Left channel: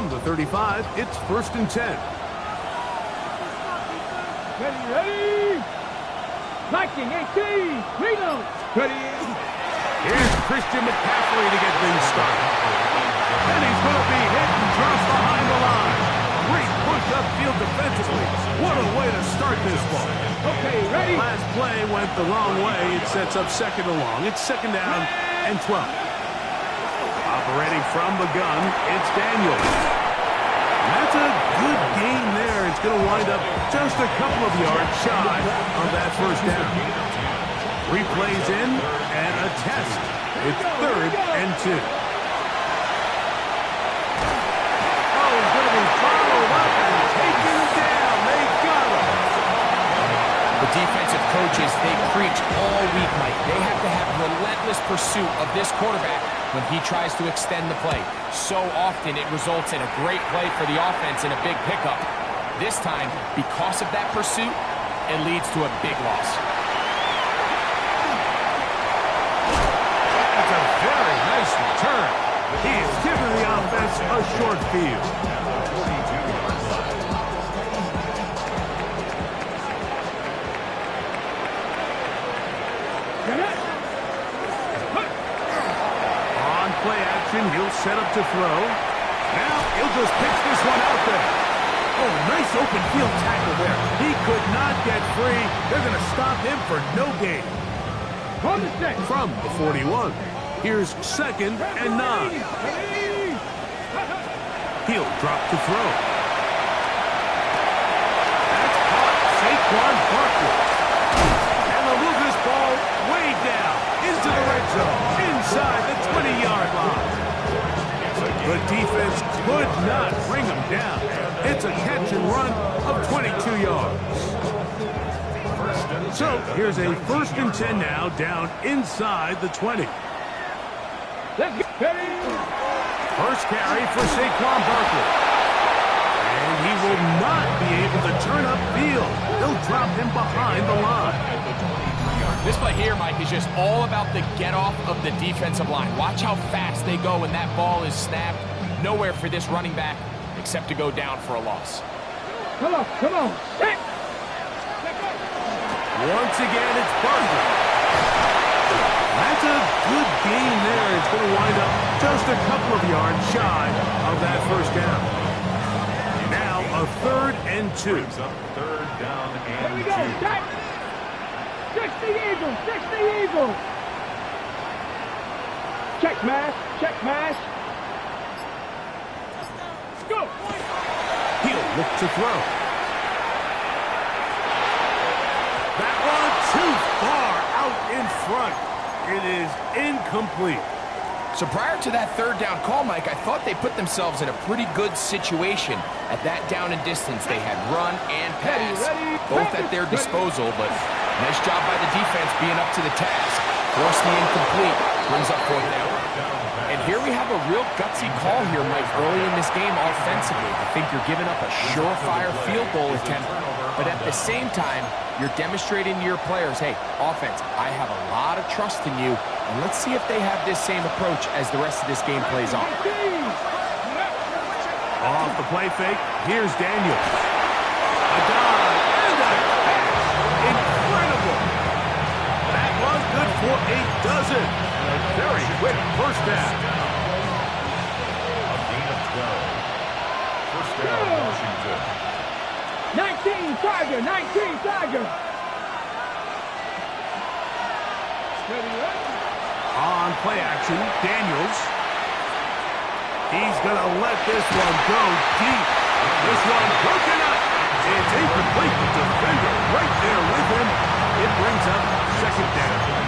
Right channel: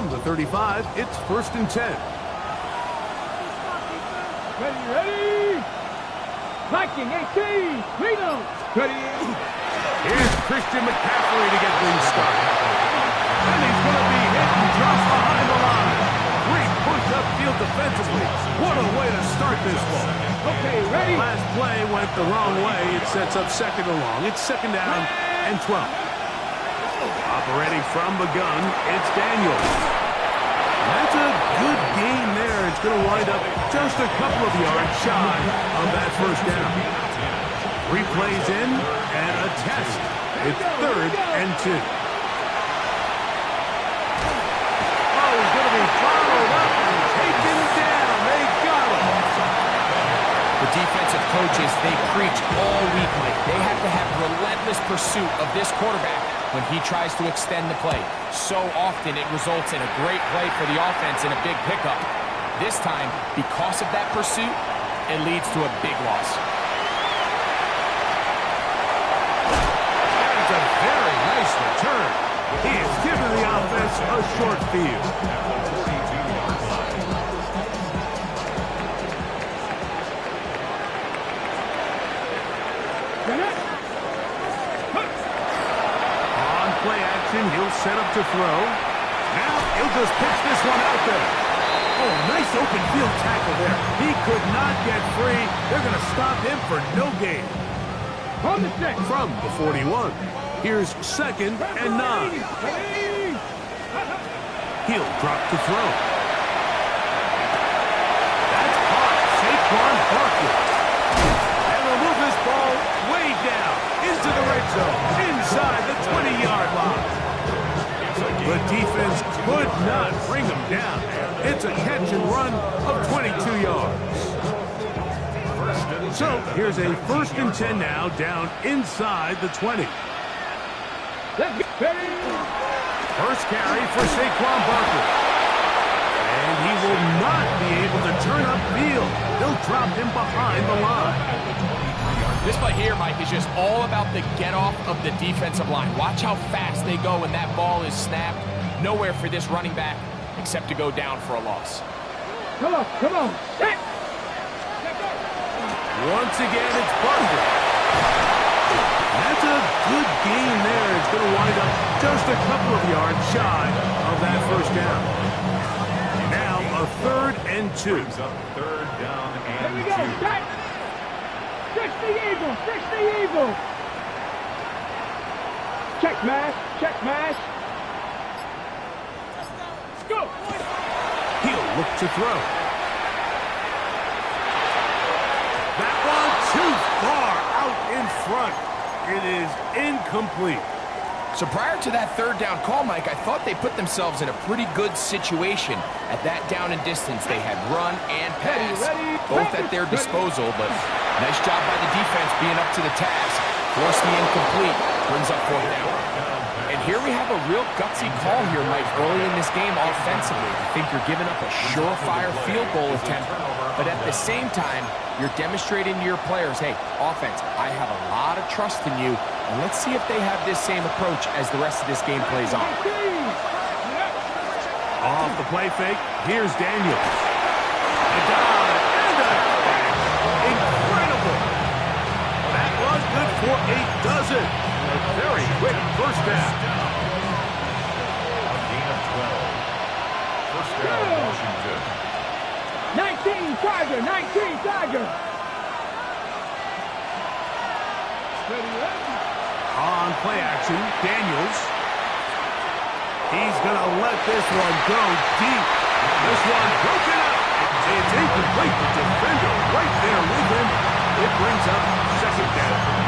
From the 35, it's 1st and 10. Ready. Viking 18. Reno. Ready. Here's Christian McCaffrey to get things started. And he's going to be hit and dropped behind the line. Great push upfield defensively. What a way to start this ball. Okay, ready. Last play went the wrong way. It sets up 2nd and long. It's 2nd down and 12. Operating from the gun, it's Daniels. That's a good gain there. It's going to wind up just a couple of yards shy of that 1st down. 3 plays in and a test. It's 3rd and 2. Oh, he's going to be followed up and taken down. They got him. The defensive coaches, they preach all week, Mike. They have to have relentless pursuit of this quarterback when he tries to extend the play. So often it results in a great play for the offense and a big pickup. This time, because of that pursuit, it leads to a big loss. That's a very nice return. He is giving the offense a short field. On play action, he'll set up to throw. Now he'll just pitch this one out there. Oh, nice open field tackle there. He could not get free. They're going to stop him for no gain. From the 6. From the 41. Here's 2nd and 9. He'll drop to throw. That's caught. Saquon Barkley. And they'll move this ball way down into the red zone, inside the 20-yard line. The defense could not bring him down. It's a catch and run of 22 yards. So here's a 1st and 10 now, down inside the 20. Let's get ready. First carry for Saquon Barkley. And he will not be able to turn upfield. They'll drop him behind the line. This play here, Mike, is just all about the get-off of the defensive line. Watch how fast they go when that ball is snapped. Nowhere for this running back except to go down for a loss. Come on. Set. Once again, it's Barkley. That's a good gain there. It's going to wind up just a couple of yards shy of that 1st down. Now a 3rd and 2. 3rd down and 2. Here we go. Set. 60 Eagles. Check smash. Go. He'll look to throw. That one too far out in front. It is incomplete. So prior to that 3rd down call, Mike, I thought they put themselves in a pretty good situation. At that down and distance, they had run and pass, both at their disposal, but nice job by the defense being up to the task. Forced the incomplete, brings up 4th down. And here we have a real gutsy call here, Mike, early in this game offensively. I think you're giving up a surefire field goal attempt, but at the same time, you're demonstrating to your players, hey, offense, I have a lot of trust in you, and let's see if they have this same approach as the rest of this game plays on. Off the play fake, here's Daniels. A dive and a catch. Incredible. That was good for a dozen. A very quick 1st down. A gain of 12. 1st down, Washington. 19 Tiger. Ready. On play action, Daniels. He's going to let this one go deep. This one broken up. It's incomplete. The defender right there with him. It brings up 2nd down.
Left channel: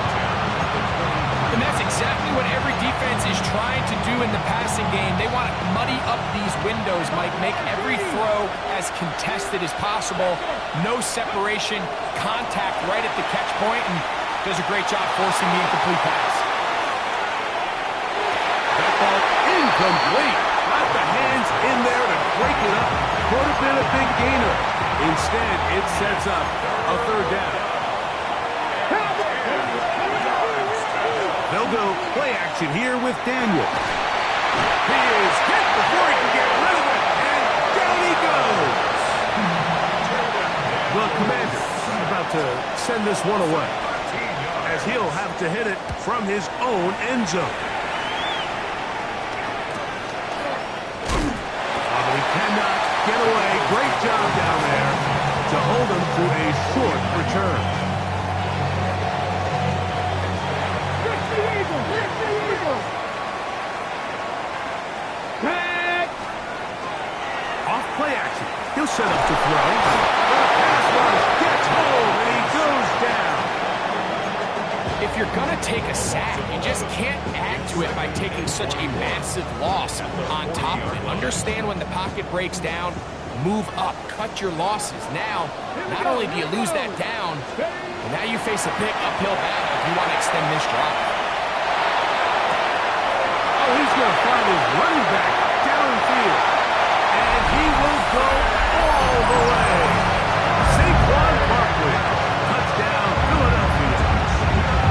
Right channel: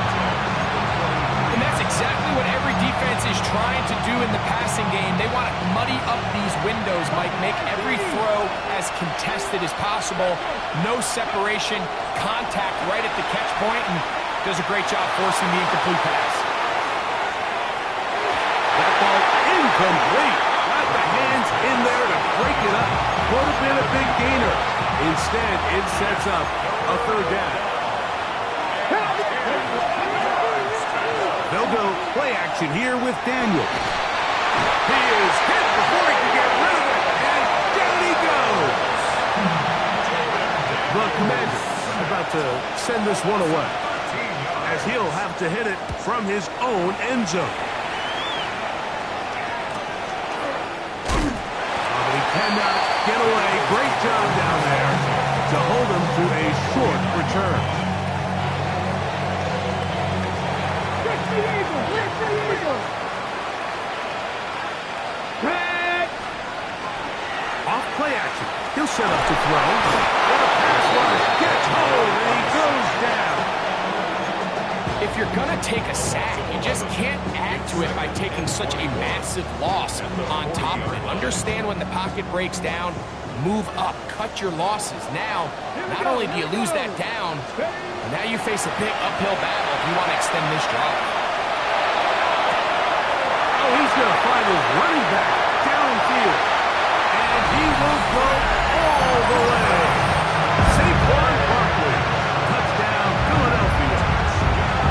And that's exactly what every defense is trying to do in the passing game. They want to muddy up these windows, Mike, make every throw as contested as possible. No separation, contact right at the catch point, and does a great job forcing the incomplete pass. That ball incomplete. Got the hands in there to break it up. Could have been a big gainer. Instead, it sets up a 3rd down. They'll go play action here with Daniel. He is hit before he can get rid of goes. The Commanders are about to send this one away, as he'll have to hit it from his own end zone. But he cannot get away. Great job down there to hold him to a short return. Fix the Eagles! Fix the Eagles! Off play action. He'll set up to throw. The pass rush gets home, and he goes down. If you're going to take a sack, you just can't add to it by taking such a massive loss on top of it. Understand when the pocket breaks down, move up, cut your losses. Now, not only do you lose that down, but now you face a big uphill battle if you want to extend this drive. Oh, he's going to find his running back downfield. And he will go all the way. Saquon Barkley. Touchdown, Philadelphia.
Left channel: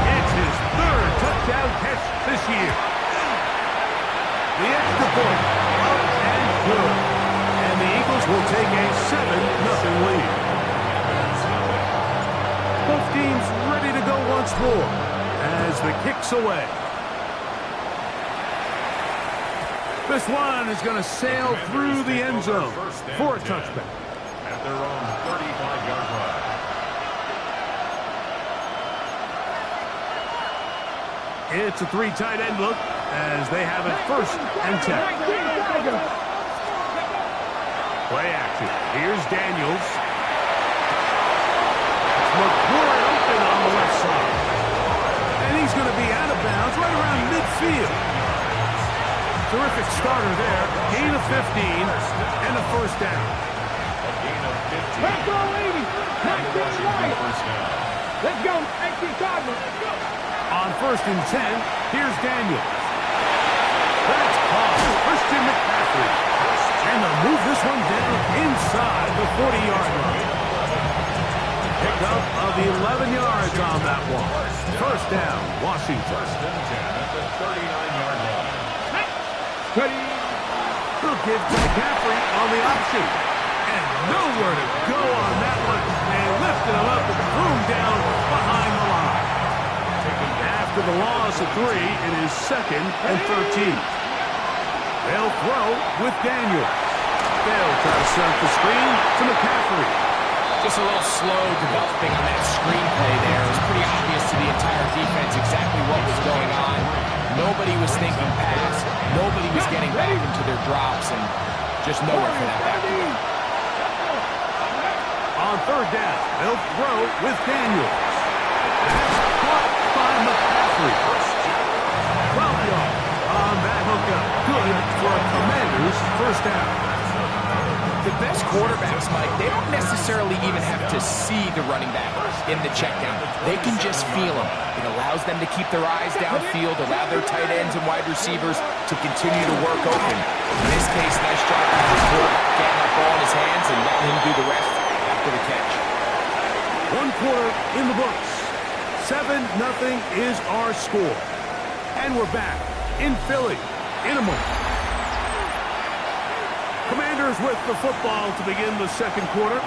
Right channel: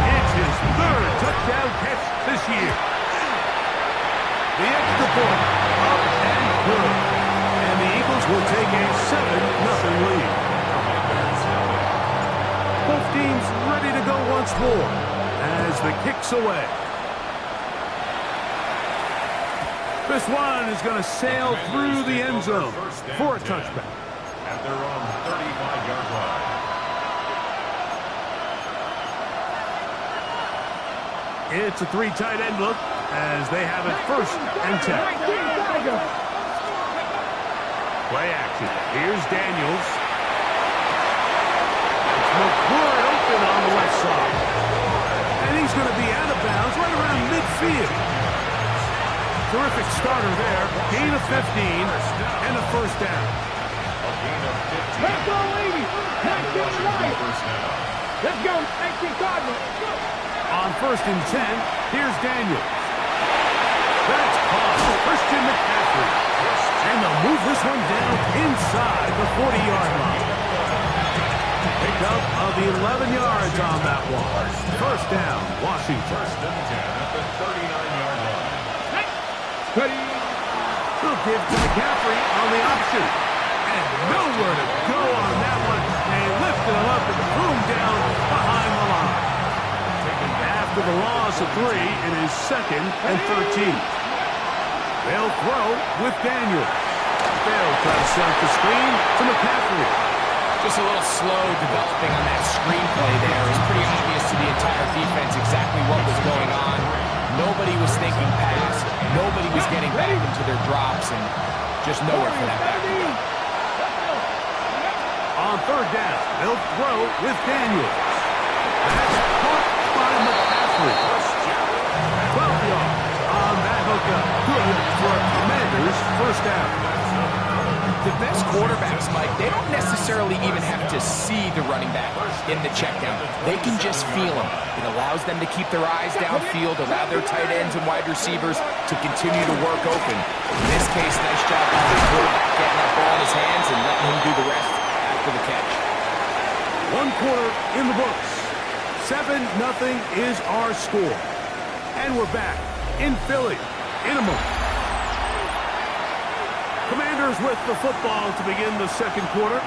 It's his third touchdown catch this year. The extra point, up and good. And the Eagles will take a 7-0 lead. Both teams ready to go once more as the kick's away. This one is going to sail through the end zone for a touchback. At their own 35-yard line. It's a 3 tight end look as they have it 1st and 10. Play action. Here's Daniels. That's McLaurin open on the left side. And he's going to be out of bounds right around midfield. Terrific starter there. Gain of 15 and a 1st down. A gain of 15. Let's go, ladies! 19 right! First down. Let's go, 19 Cardinals! Let's go! On 1st and 10, here's Daniels. That's caught. Christian McCaffrey. And they'll move this one down inside the 40-yard line. Pickup of 11 yards on that one. 1st down, Washington. 1st and 10 at the 39-yard line. They'll give to McCaffrey on the option. And nowhere to go on that one. They lifted him up and threw him down behind the line. After the loss of 3, it is 2nd and 13. They'll throw with Daniels. They'll try to set up the screen to McCaffrey. Just a little slow developing on that screenplay there. It was pretty obvious to the entire defense exactly what was going on. Nobody was thinking pass. Nobody was getting back into their drops, and just nowhere for that back to go. On 3rd down, they'll throw with Daniels. That's caught by McCaffrey. 12 yards on that hookup. Good for a Commander's 1st down. The best quarterbacks, Mike, they don't necessarily even have to see the running back in the check down. They can just feel him. It allows them to keep their eyes downfield, allow their tight ends and wide receivers to continue to work open. In this case, nice job by the quarterback getting that ball in his hands and letting him do the rest after the catch. 1 quarter in the books. 7-0 is our score. And we're back in Philly in a moment. Commanders with the football to begin the 2nd quarter.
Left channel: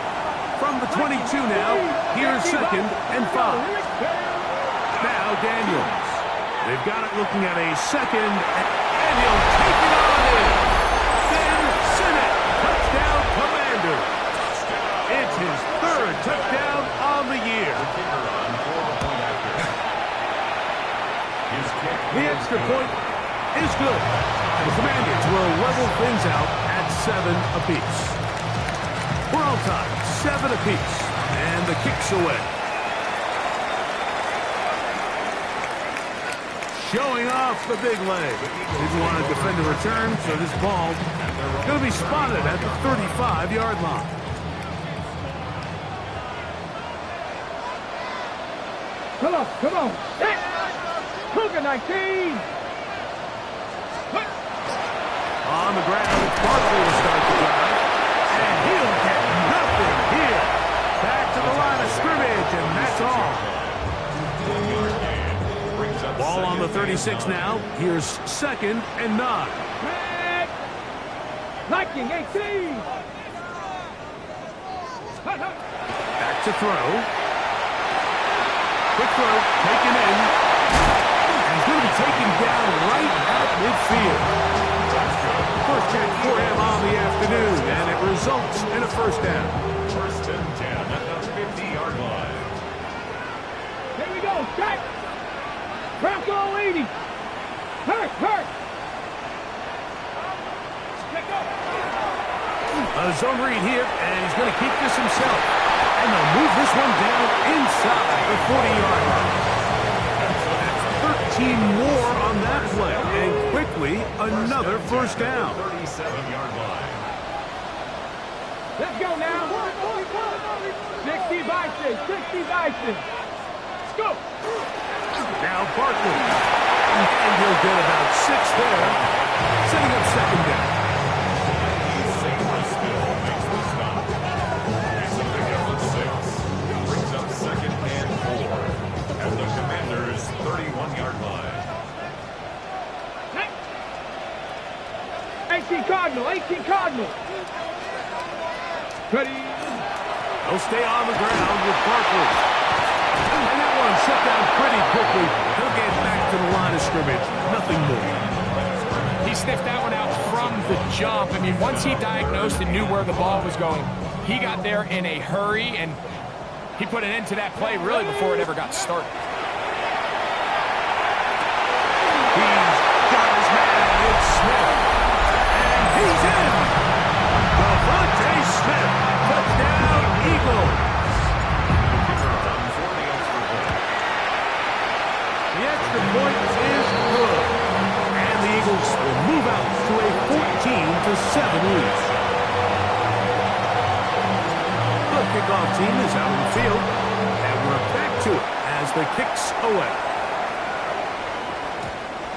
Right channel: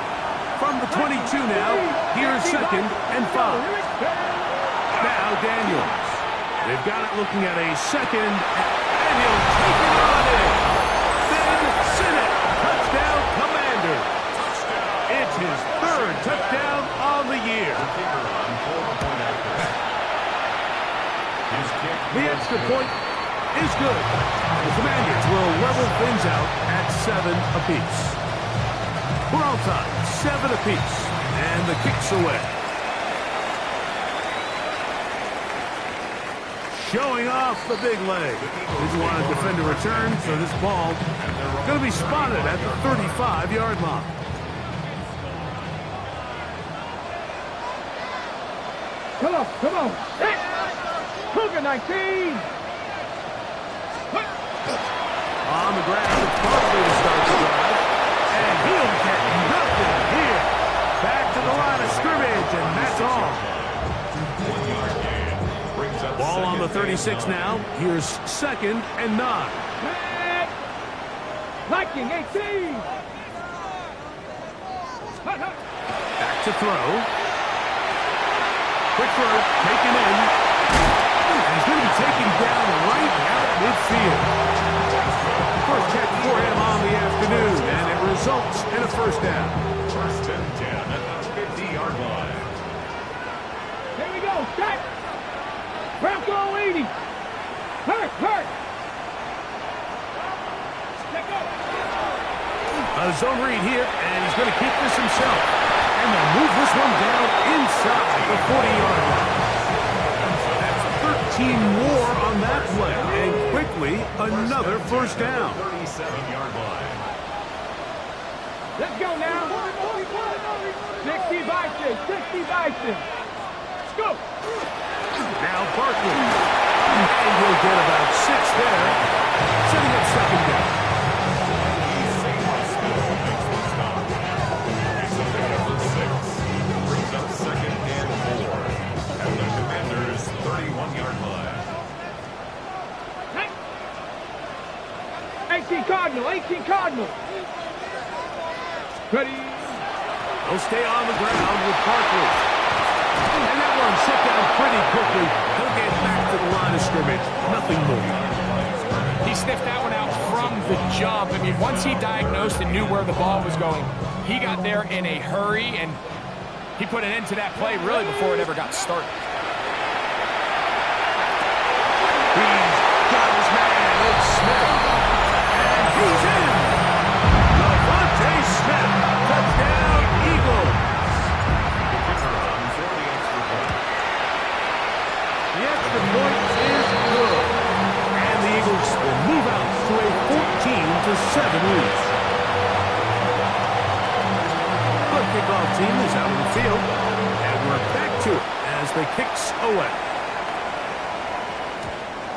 From the 22 now, here's 2nd and 5. Now Daniels. They've got it looking at a 2nd, and he'll take it on in. Then Sinnott. Touchdown, Commanders. It's his 3rd touchdown on the year. The extra point is good. The Commanders will level things out at 7 apiece. We're all tied, 7 apiece, and the kick's away. Showing off the big leg. Didn't want to defend a return, so this ball going to be spotted at the 35-yard line. Come on, come on. Cougar 19. On the ground, it's Barkley to start the drive. And he'll get nothing here. Back to the line of scrimmage, and that's all. 1 yard gain. Brings up Ball on the 36 now. Here's 2nd and 9. Viking 18. Back to throw. Quick throw, taken in. And he's going to be taken down right out midfield. First catch for him on the afternoon, and it results in a first down. First and 10 at the 50-yard line. Here we go, set. Bronco 80. Hurt. Check up. A zone read here, and he's going to keep this himself. And they'll move this one down inside the 40-yard line. That's 13 more on that play, and quickly another first down. 37-yard line. Let's go now. 60 Bison. Let's go. Now Barkley. And he'll get about 6 there, setting up second down. Still makes the stop. It's a pickup of 6. Brings up second and 4 at the Commanders' 31-yard line. 18 Cardinal. Ready. He'll stay on the ground with Barkley. And that one shut down pretty quickly. He'll get back to the line of scrimmage. Nothing more. He sniffed that one out from the jump. I mean, once he diagnosed and knew where the ball was going, he got there in a hurry, and he put an end to that play really before it ever got started. He's got his man. It's Smith. And he's in. Devontae Smith. Touchdown, Eagles. The kicker on for the extra point. The extra point is good. And the Eagles will move out to a 14-7 lead. The kickoff team is out on the field, and we're back to it as the kicks away.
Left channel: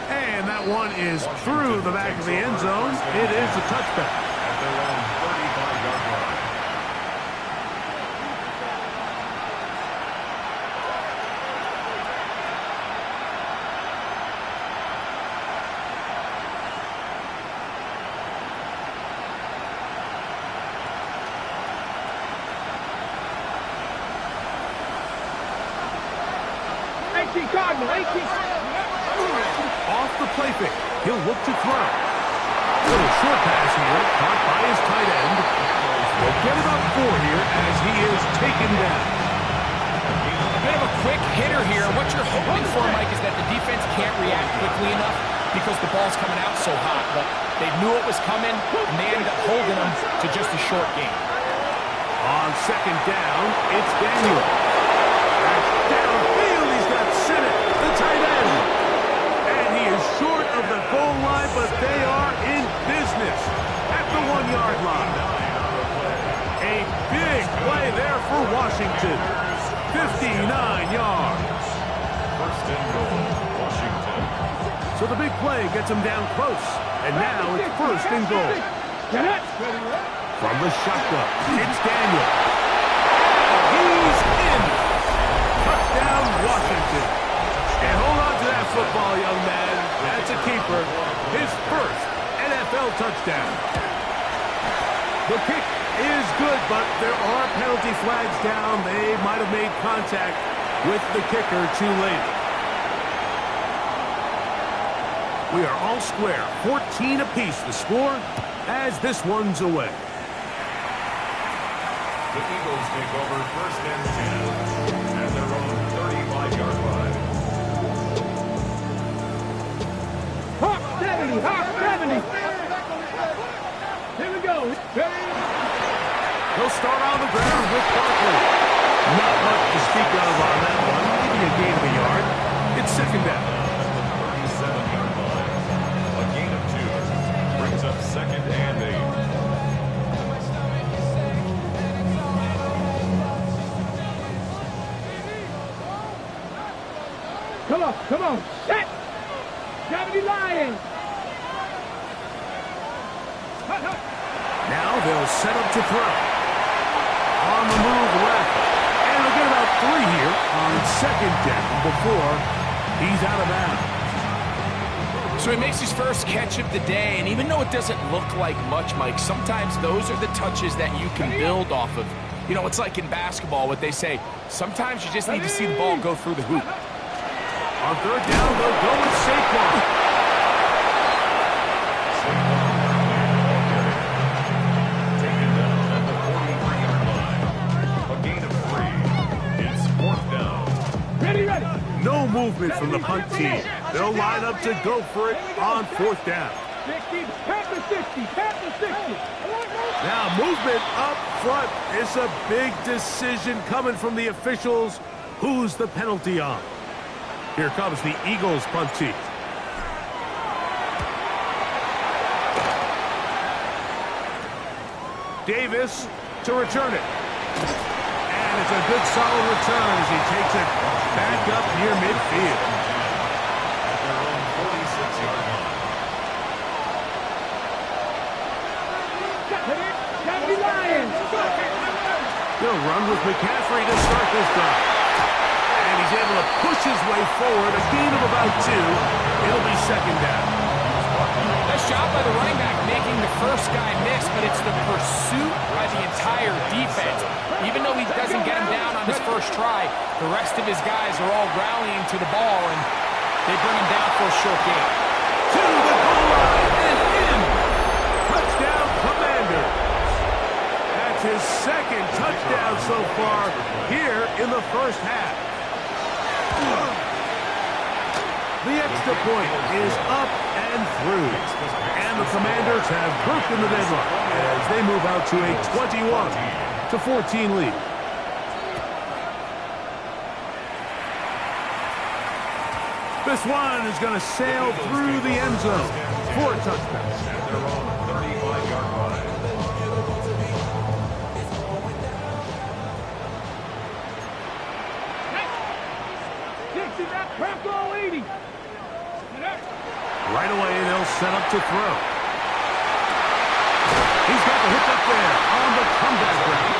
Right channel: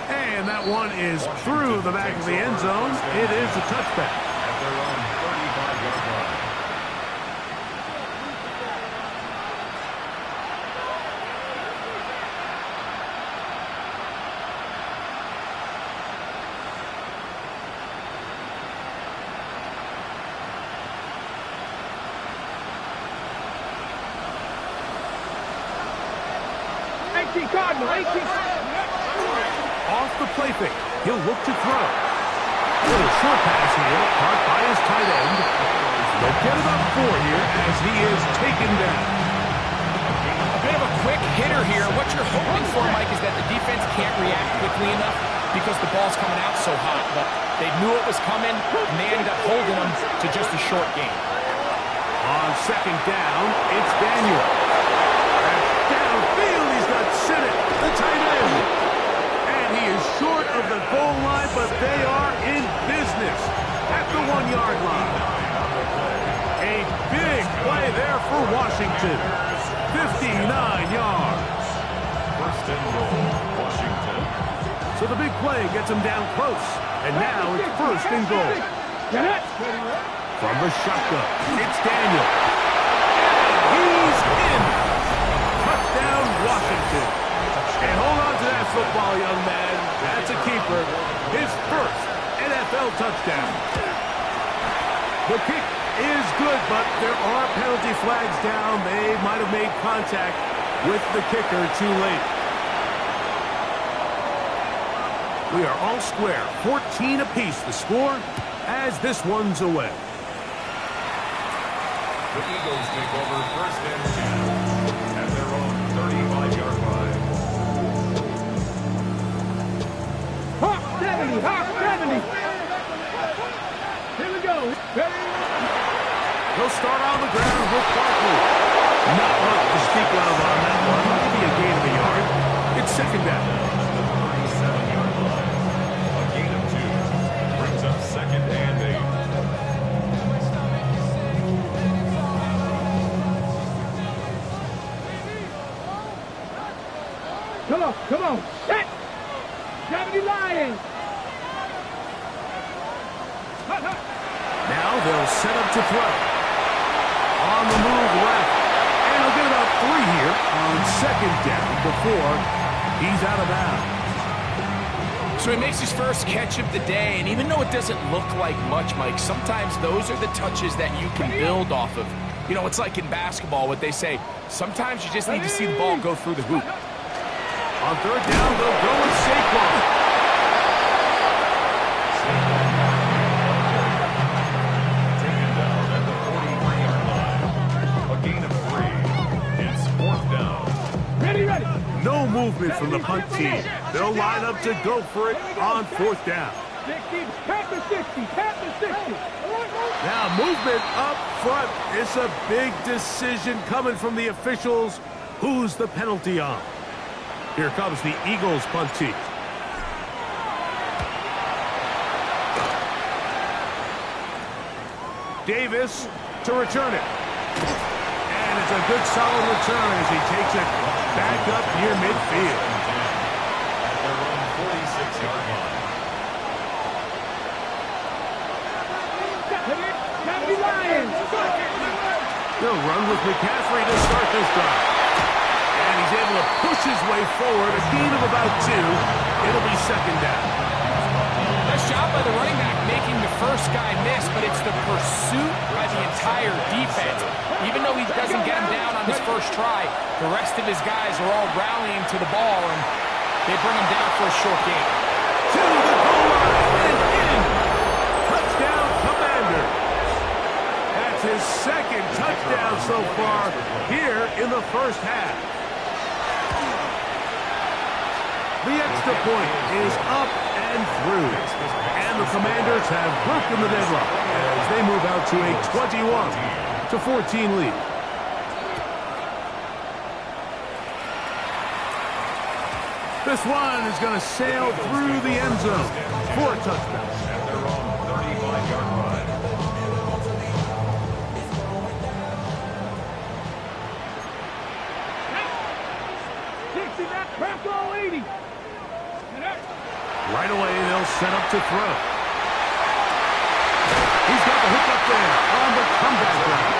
And that one is through the back of the end zone. It is a touchback. At their own 35-yard line. Cardinal. Off the play fake. He'll look to throw. A little short pass here, caught by his tight end. They'll get about 4 here as he is taken down. A bit of a quick hitter here. What you're hoping for, Mike, is that the defense can't react quickly enough because the ball's coming out so hot. But they knew it was coming, and they ended up holding them to just a short game. On second down, it's Daniel. That's downfield. He's got Sinnott, the tight end. And he is short of the goal line, but they are in business at the 1-yard line. A big play there for Washington. 59 yards. First and goal, Washington. So the big play gets him down close. And now it's first and goal. From the shotgun, it's Daniel. And he's in. Touchdown, Washington. And hold on to that football, young man. That's a keeper. His first NFL touchdown. The kick is good, but there are penalty flags down. They might have made contact with the kicker too late. We are all square. 14 apiece the score as this one's away. The Eagles take over first and 10 at their own 35-yard line. Hawk 70. Here we go. He'll start on the ground with Barkley. Not much to speak of on that one. Maybe a gain of a yard. It's second down. At the 37-yard line. A gain of 2 brings up second and 8. Come on. Set. 70 Lions. Now they'll set up to throw. On the move left. And he'll get about 3 here on second down before he's out of bounds. So he makes his first catch of the day, and even though it doesn't look like much, Mike, sometimes those are the touches that you can build off of. You know, it's like in basketball, what they say, sometimes you just need to see the ball go through the hoop. On third down, they'll go with Saquon. Saquon taken down at the 43-yard line. A gain of 3. It's 4th down. Ready. No movement from the punt team. They'll line up to go for it on 4th down. 60, pat the 60, pat the 60. Now movement up front. It's a big decision coming from the officials. Who's the penalty on? Here comes the Eagles punt team. Davis to return it. And it's a good solid return as he takes it back up near midfield. At their own 46-yard line. They'll run with McCaffrey to start this drive. And he's able to push his way forward, a gain of about 2. It'll be 2nd down. Nice job by the running back making the first guy miss, but it's the pursuit by the entire defense. Even though he doesn't get him down on his first try, the rest of his guys are all rallying to the ball, and they bring him down for a short gain. To the goal line and in. Touchdown, Commanders. That's his 2nd touchdown so far here in the first half. The extra point is up and through. And the Commanders have broken the deadlock as they move out to a 21-14 lead. This one is going to sail through the end zone for a touchdown. At their own 35-yard line. Right away, they'll set up to throw. He's got the hook up there on the comeback route.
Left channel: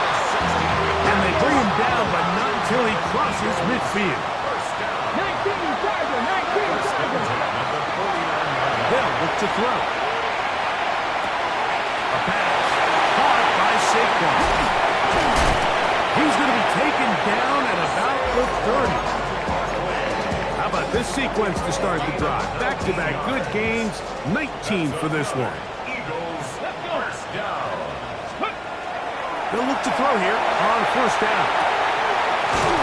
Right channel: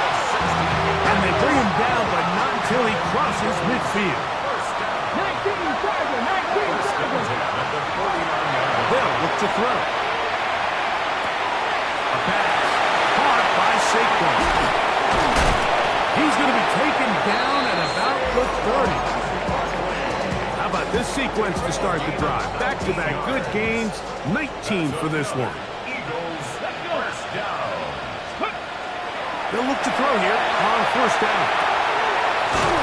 And they bring him down, but not until he crosses midfield. 19 Tiger. They'll look to throw. A pass caught by Saquon. He's going to be taken down at about the 30. How about this sequence to start the drive? Back-to-back good gains, 19 for this one. Eagles, first down. They'll look to throw here on 1st down.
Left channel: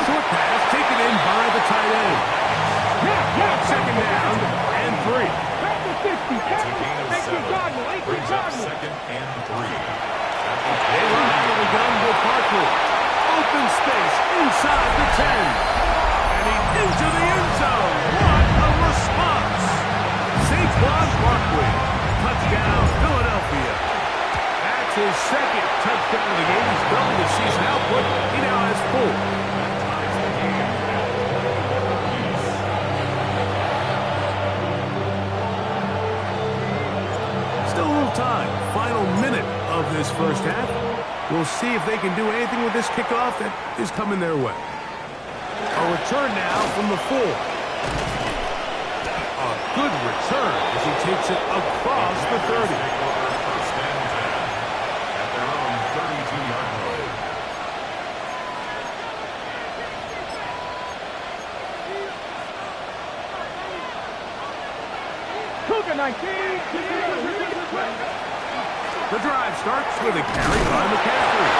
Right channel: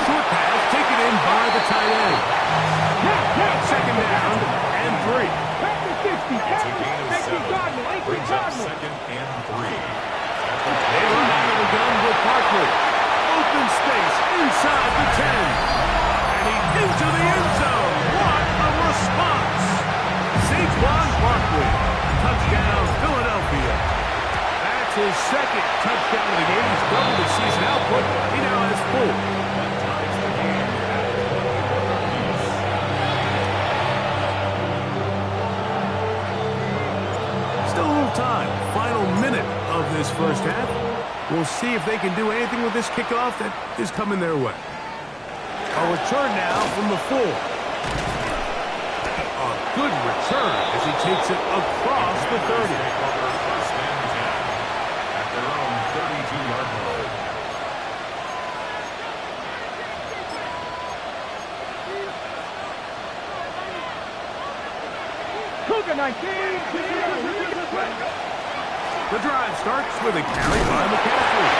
Short pass taken in by the tight end. 2nd down and 3. It's a gain of 7. Brings up 2nd and 3. They run out of the gun with Barkley. Open space inside the 10. And he's into the end zone. What a response. Saquon Barkley. Touchdown, Philadelphia. That's his 2nd touchdown of the game. He's doubled his season output. He now has 4. That ties the game at 21 apiece. Still a little time. Final minute of this first half. We'll see if they can do anything with this kickoff that is coming their way. A return now from the 4. A good return as he takes it across the 30. Take over 1st and 10 at their own 32-yard line. Cougar 19. The drive starts with a carry by McCaffrey.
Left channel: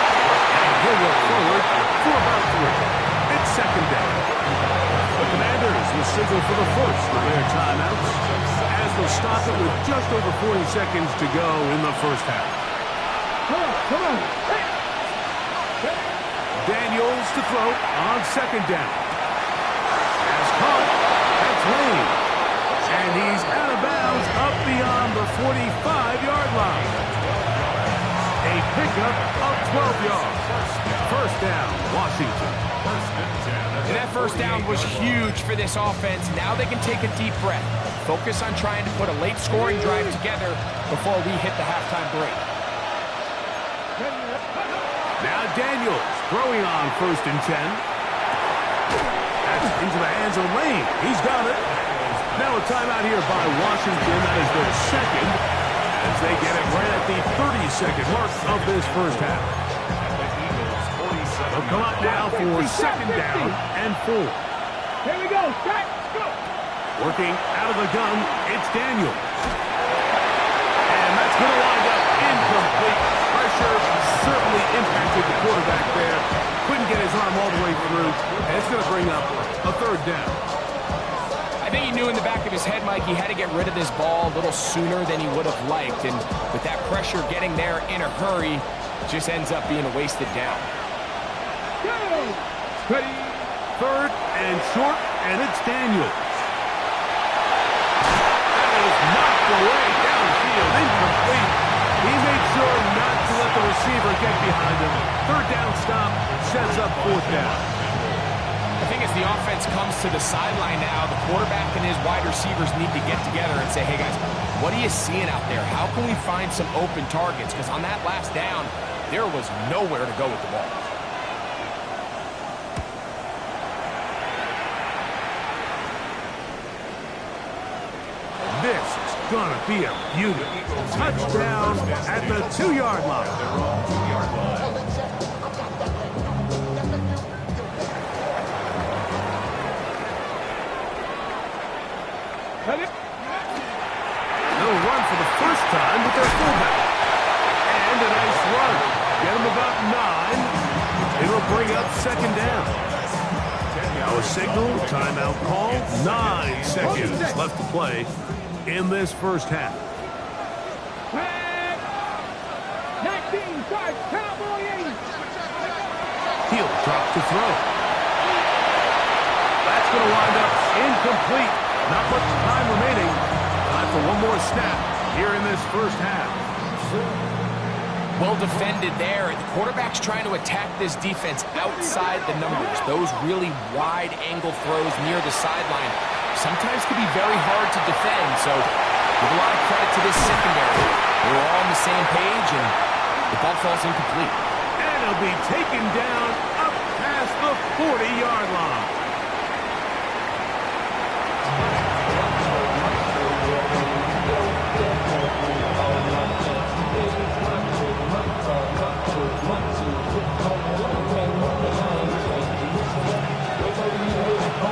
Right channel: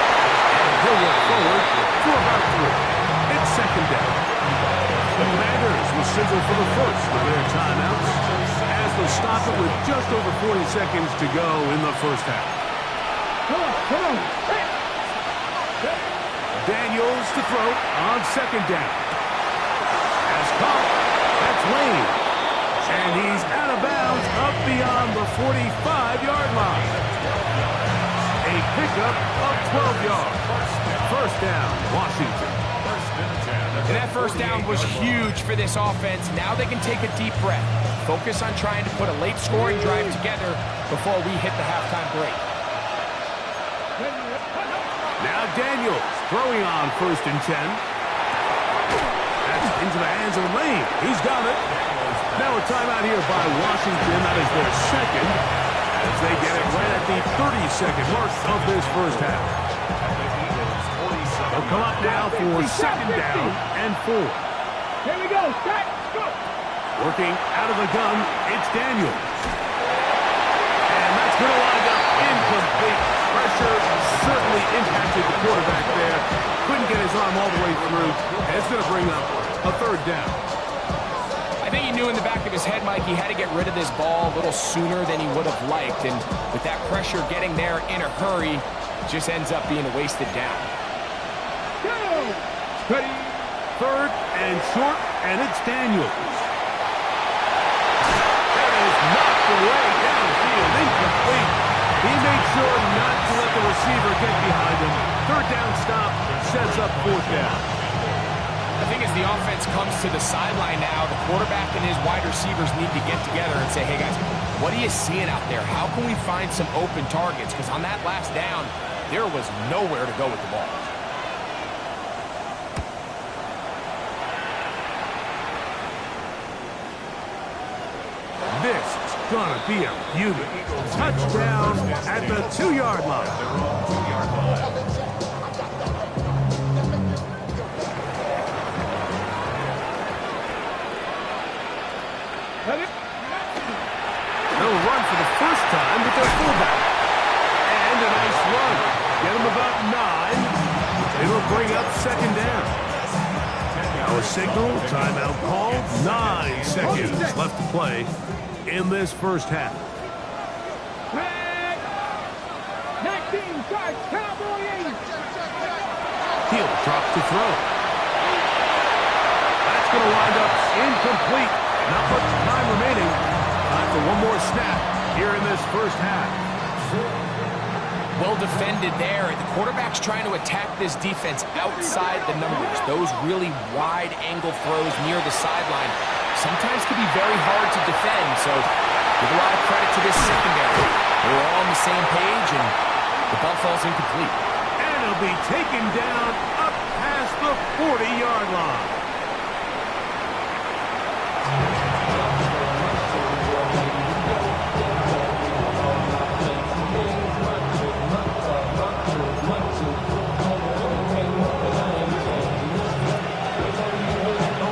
And he'll work forward for about 3. It's 2nd down. The Commanders will signal for the first of their timeouts as they'll stop it with just over 40 seconds to go in the first half. Come on. Daniels to throw on 2nd down. Pass caught. That's Lane. And he's out of bounds up beyond the 45-yard line. A pickup of 12 yards. 1st down, Washington. And that 1st down was huge for this offense. Now they can take a deep breath. Focus on trying to put a late scoring drive together before we hit the halftime break. Now Daniels throwing on 1st and 10. That's into the hands of Lane. He's got it. Now a timeout here by Washington. That is their 2nd as they get it right at the 30-second mark of this first half. At the Eagles' They'll come up now for second down and 4. Here we go. Set. Go. Working out of the gun, it's Daniels. And that's going to wind up incomplete. Pressure certainly impacted the quarterback there. Couldn't get his arm all the way through. And it's going to bring up a third down. I think he knew in the back of his head, Mike, he had to get rid of this ball a little sooner than he would have liked. And with that pressure getting there in a hurry, just ends up being a wasted down. Go. Ready. Third and short, and it's Daniels. That is knocked away downfield, incomplete. He made sure not to let the receiver get behind him. Third down stop sets up fourth down. I think as the offense comes to the sideline now, the quarterback and his wide receivers need to get together and say, hey guys, what are you seeing out there? How can we find some open targets? Because on that last down, there was nowhere to go with the ball. This is going to be a beauty. Touchdown at the 2-yard line. They're on 2-yard line. They'll run for the first time with their fullback. And a nice run. Get them about 9. It'll bring up second down. Now a signal, timeout called. 9 seconds left to play in this first half. 19 starts. Cowboy 8. He'll drop to throw. That's going to wind up incomplete. Not much time remaining. Time for one more snap here in this first half. Well defended there. The quarterback's trying to attack this defense outside the numbers. Those really wide angle throws near the sideline sometimes can be very hard to defend. So give a lot of credit to this secondary. They were all on the same page, and the ball falls incomplete. And he'll be taken down up past the 40-yard line.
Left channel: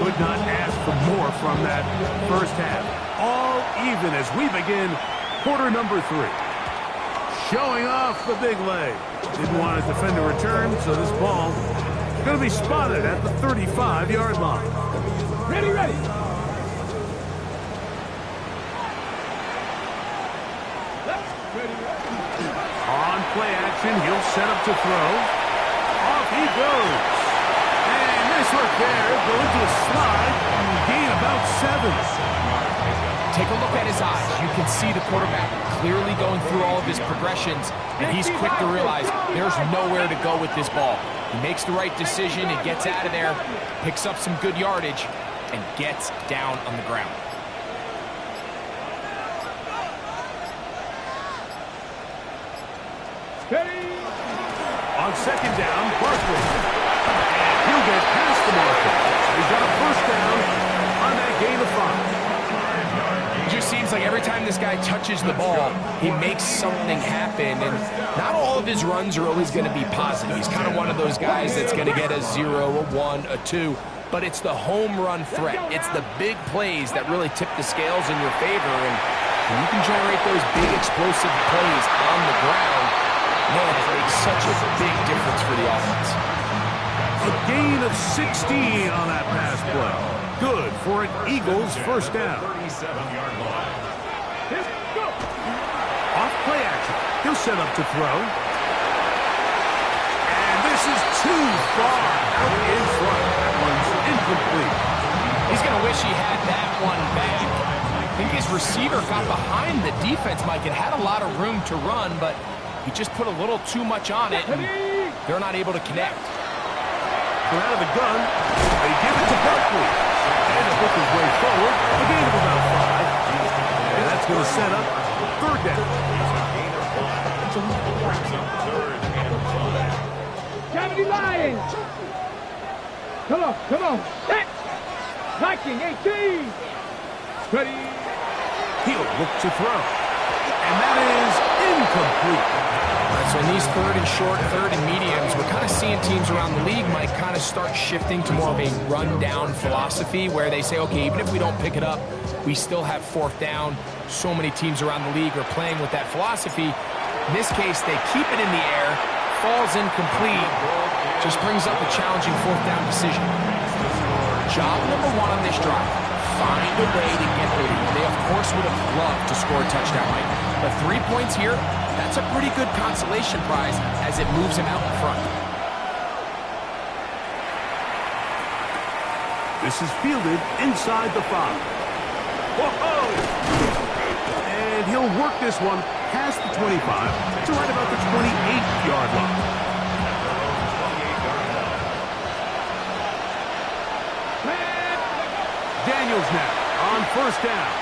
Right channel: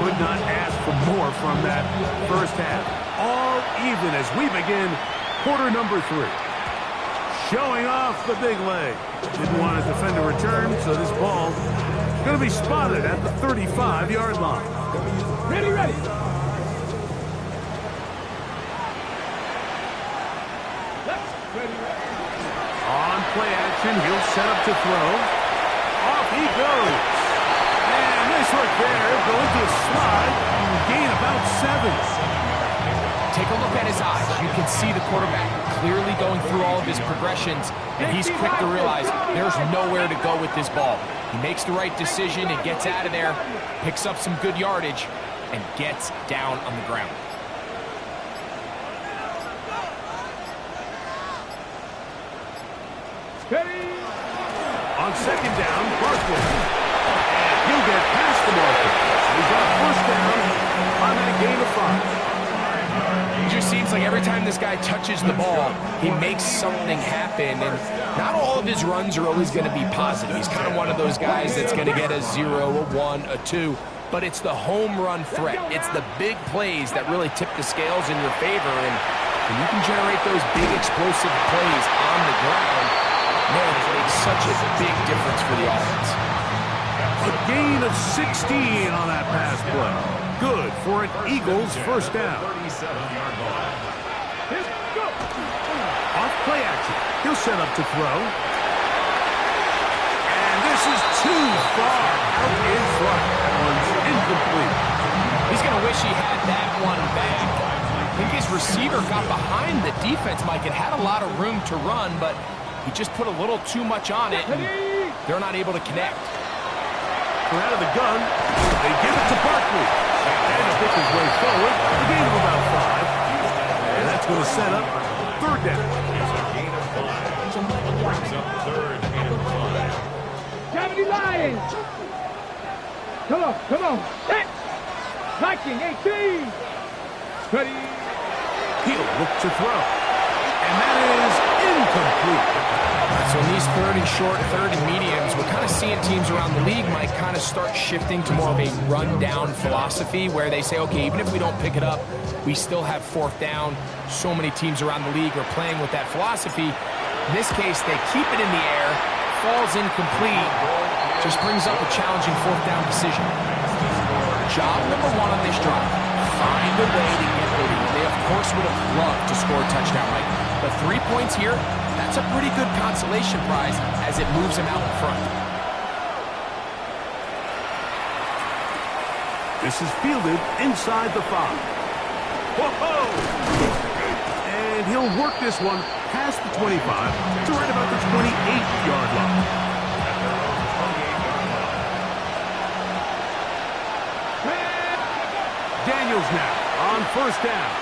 Could not ask for more from that first half. All even as we begin quarter number 3. Showing off the big leg. Didn't want to defend a return, so this ball is going to be spotted at the 35-yard line. Ready, ready. Ready, ready. On play action, he'll set up to throw. Off he goes. And nice work there. Going to a slide and gain about 7. Take a look at his eyes. You can see the quarterback clearly going through all of his progressions, and he's quick to realize there's nowhere to go with this ball. He makes the right decision, he gets out of there, picks up some good yardage, and gets down on the ground. Ready. On second down, Barkley. And he'll get past the marker. So he's got a first down on that gain of 5. It just seems like every time this guy touches the ball, he makes something happen, and not all of his runs are always going to be positive. He's kind of one of those guys that's going to get a 0, a 1, a 2, but it's the home run threat. It's the big plays that really tip the scales in your favor, and when you can generate those big explosive plays on the ground, man, it makes such a big difference for the offense. A gain of 16 on that pass play. Good for an Eagles first down. 37-yard line. Go. Off play action. He'll set up to throw. And this is too far out in front. That one's incomplete. He's going to wish he had that one back. I think his receiver got behind the defense, Mike. It had a lot of room to run, but he just put a little too much on it, and they're not able to connect. From out of the gun, they give it to Barkley. And he'll pick his way forward. A gain of about 5. And that's going to set up third down. It's a gain of 5. Brings up 3rd and 5. 70 Lions. Come on, come on. Set. Viking 18. Ready. He'll look to throw. And that is incomplete. All right, so in these third and short, third and mediums, we're kind of seeing teams around the league, Mike, kind of start shifting to more of a run-down philosophy where they say, okay, even if we don't pick it up, we still have fourth down. So many teams around the league are playing with that philosophy. In this case, they keep it in the air, falls incomplete, just brings up a challenging fourth down decision. Job number one on this drive, find a way to get the lead. They, of course, would have loved to score a touchdown, Mike, but 3 points here, that's a pretty good consolation prize as it moves him out in front. This is fielded inside the 5. Whoa! And he'll work this one past the 25 to right about the 28-yard line. At their own 28-yard line. Daniels now on first down.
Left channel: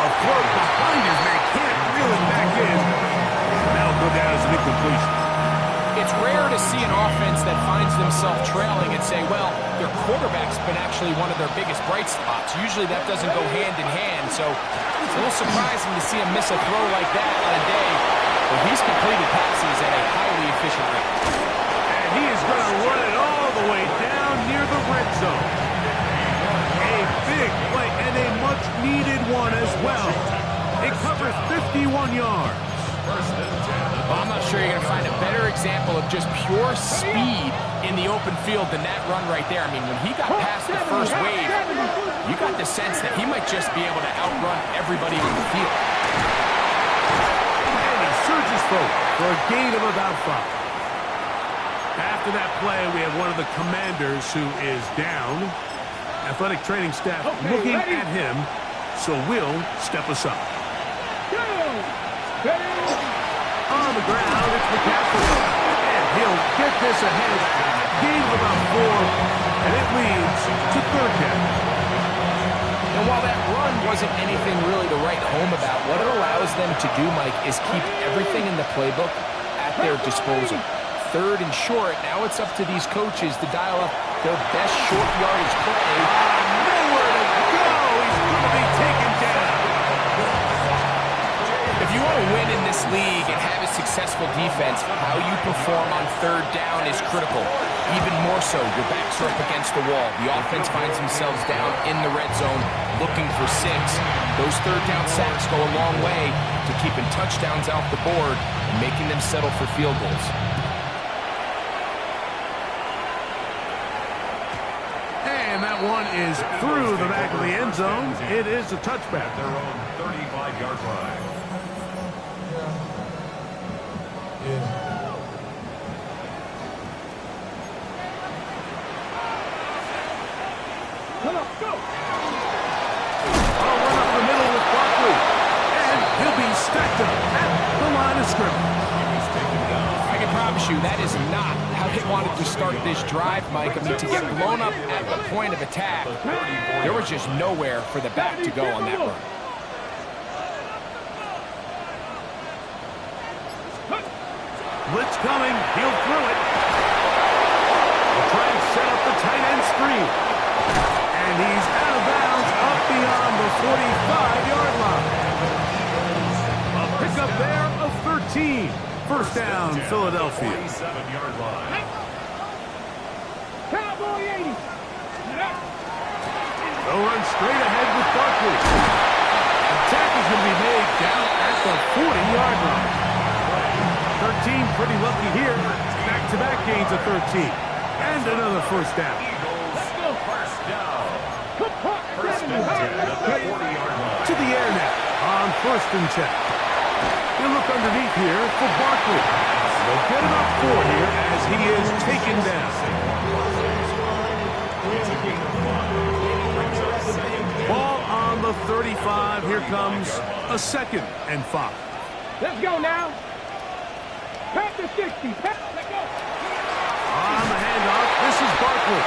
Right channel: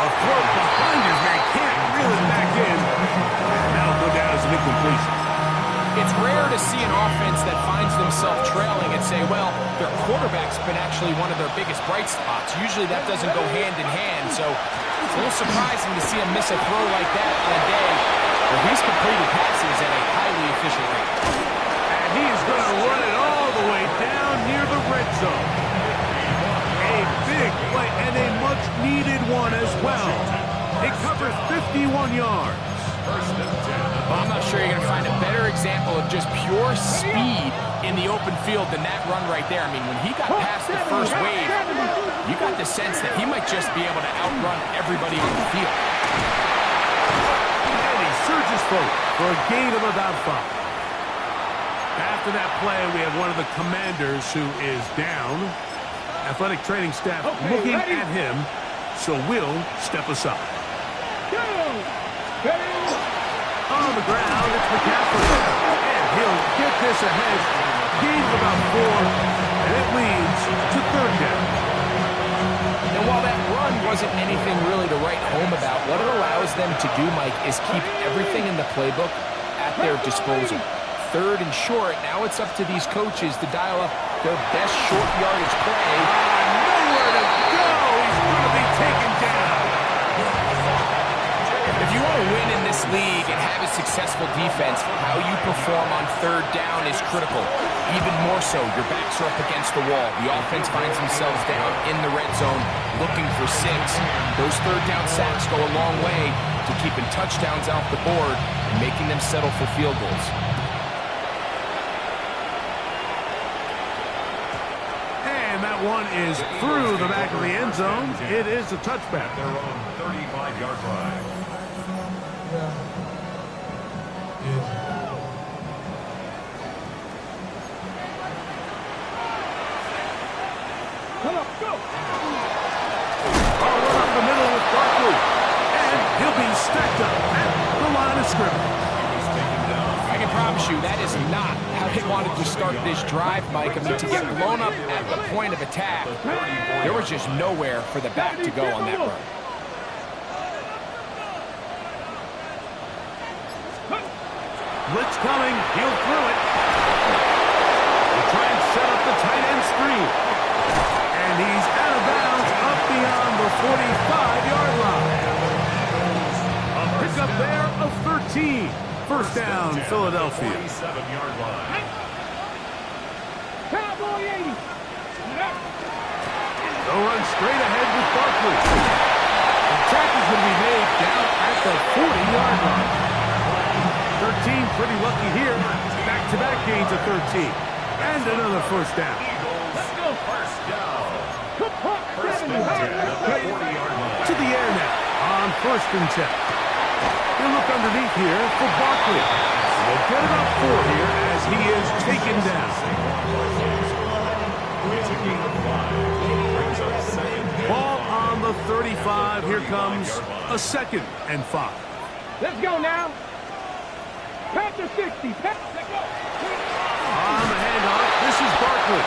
A throw behind his man, can't reel it back in. And that'll go down as an incompletion. It's rare to see an offense that finds themselves trailing and say, well, their quarterback's been actually one of their biggest bright spots. Usually that doesn't go hand in hand, so it's a little surprising to see him miss a throw like that on a day where he's completed passes at a highly efficient rate. And he is going to run it all the way down near the red zone. A big play and a much-needed one as well. It covers 51 yards. First and 10. Well, I'm not sure you're going to find a better example of just pure speed in the open field than that run right there. I mean, when he got past the first wave, you got the sense that he might just be able to outrun everybody on the field. And he surges forward for a gain of about 5. After that play, we have one of the commanders who is down. Athletic training staff looking at him, so will step aside. On the ground, it's McCaffrey. And he'll get this ahead. Gain of about 4, and it leads to third down. And while that run wasn't anything really to write home about, what it allows them to do, Mike, is keep everything in the playbook at their disposal. Third and short, now it's up to these coaches to dial up their best short yardage play. Nowhere to go. He's going to be taken down. If you want to win in this league and have a successful defense, how you perform on third down is critical. Even more so, your backs are up against the wall. The offense finds themselves down in the red zone looking for 6. Those third down sacks go a long way to keeping touchdowns off the board and making them settle for field goals. And that one is through the back of the end zone. It is a touchback. At their own 35-yard line. Come on, go! I'll run up the middle with Barkley. And he'll be stacked up at the line of scrimmage. I can promise you that is not how they wanted to start this drive, Mike. I mean, to get blown up at the point of attack, there was just nowhere for the back to go on that run. Blitz coming. He'll throw it. We'll try and set up the tight end screen. And he's out of bounds up beyond the 45-yard line. A pickup there of 13. First down, Philadelphia. 47-yard line. Cowboy 80. They'll run straight ahead with Barkley. Attack is going to be made down at the 40-yard line. 13 pretty lucky here. Back-to-back gains of 13. And another first down. Let's go. First down. First and 10 at the 40-yard line. To the air now on first and 10. He'll look underneath here for Barkley. They'll get about 4 here as he is taken down. It's a gain of 5. Brings up second and Ball 5. on the 35. Here comes a second and 5. Let's go now. Pat the 60. Pat, let's go. On the handoff, this is Barkley.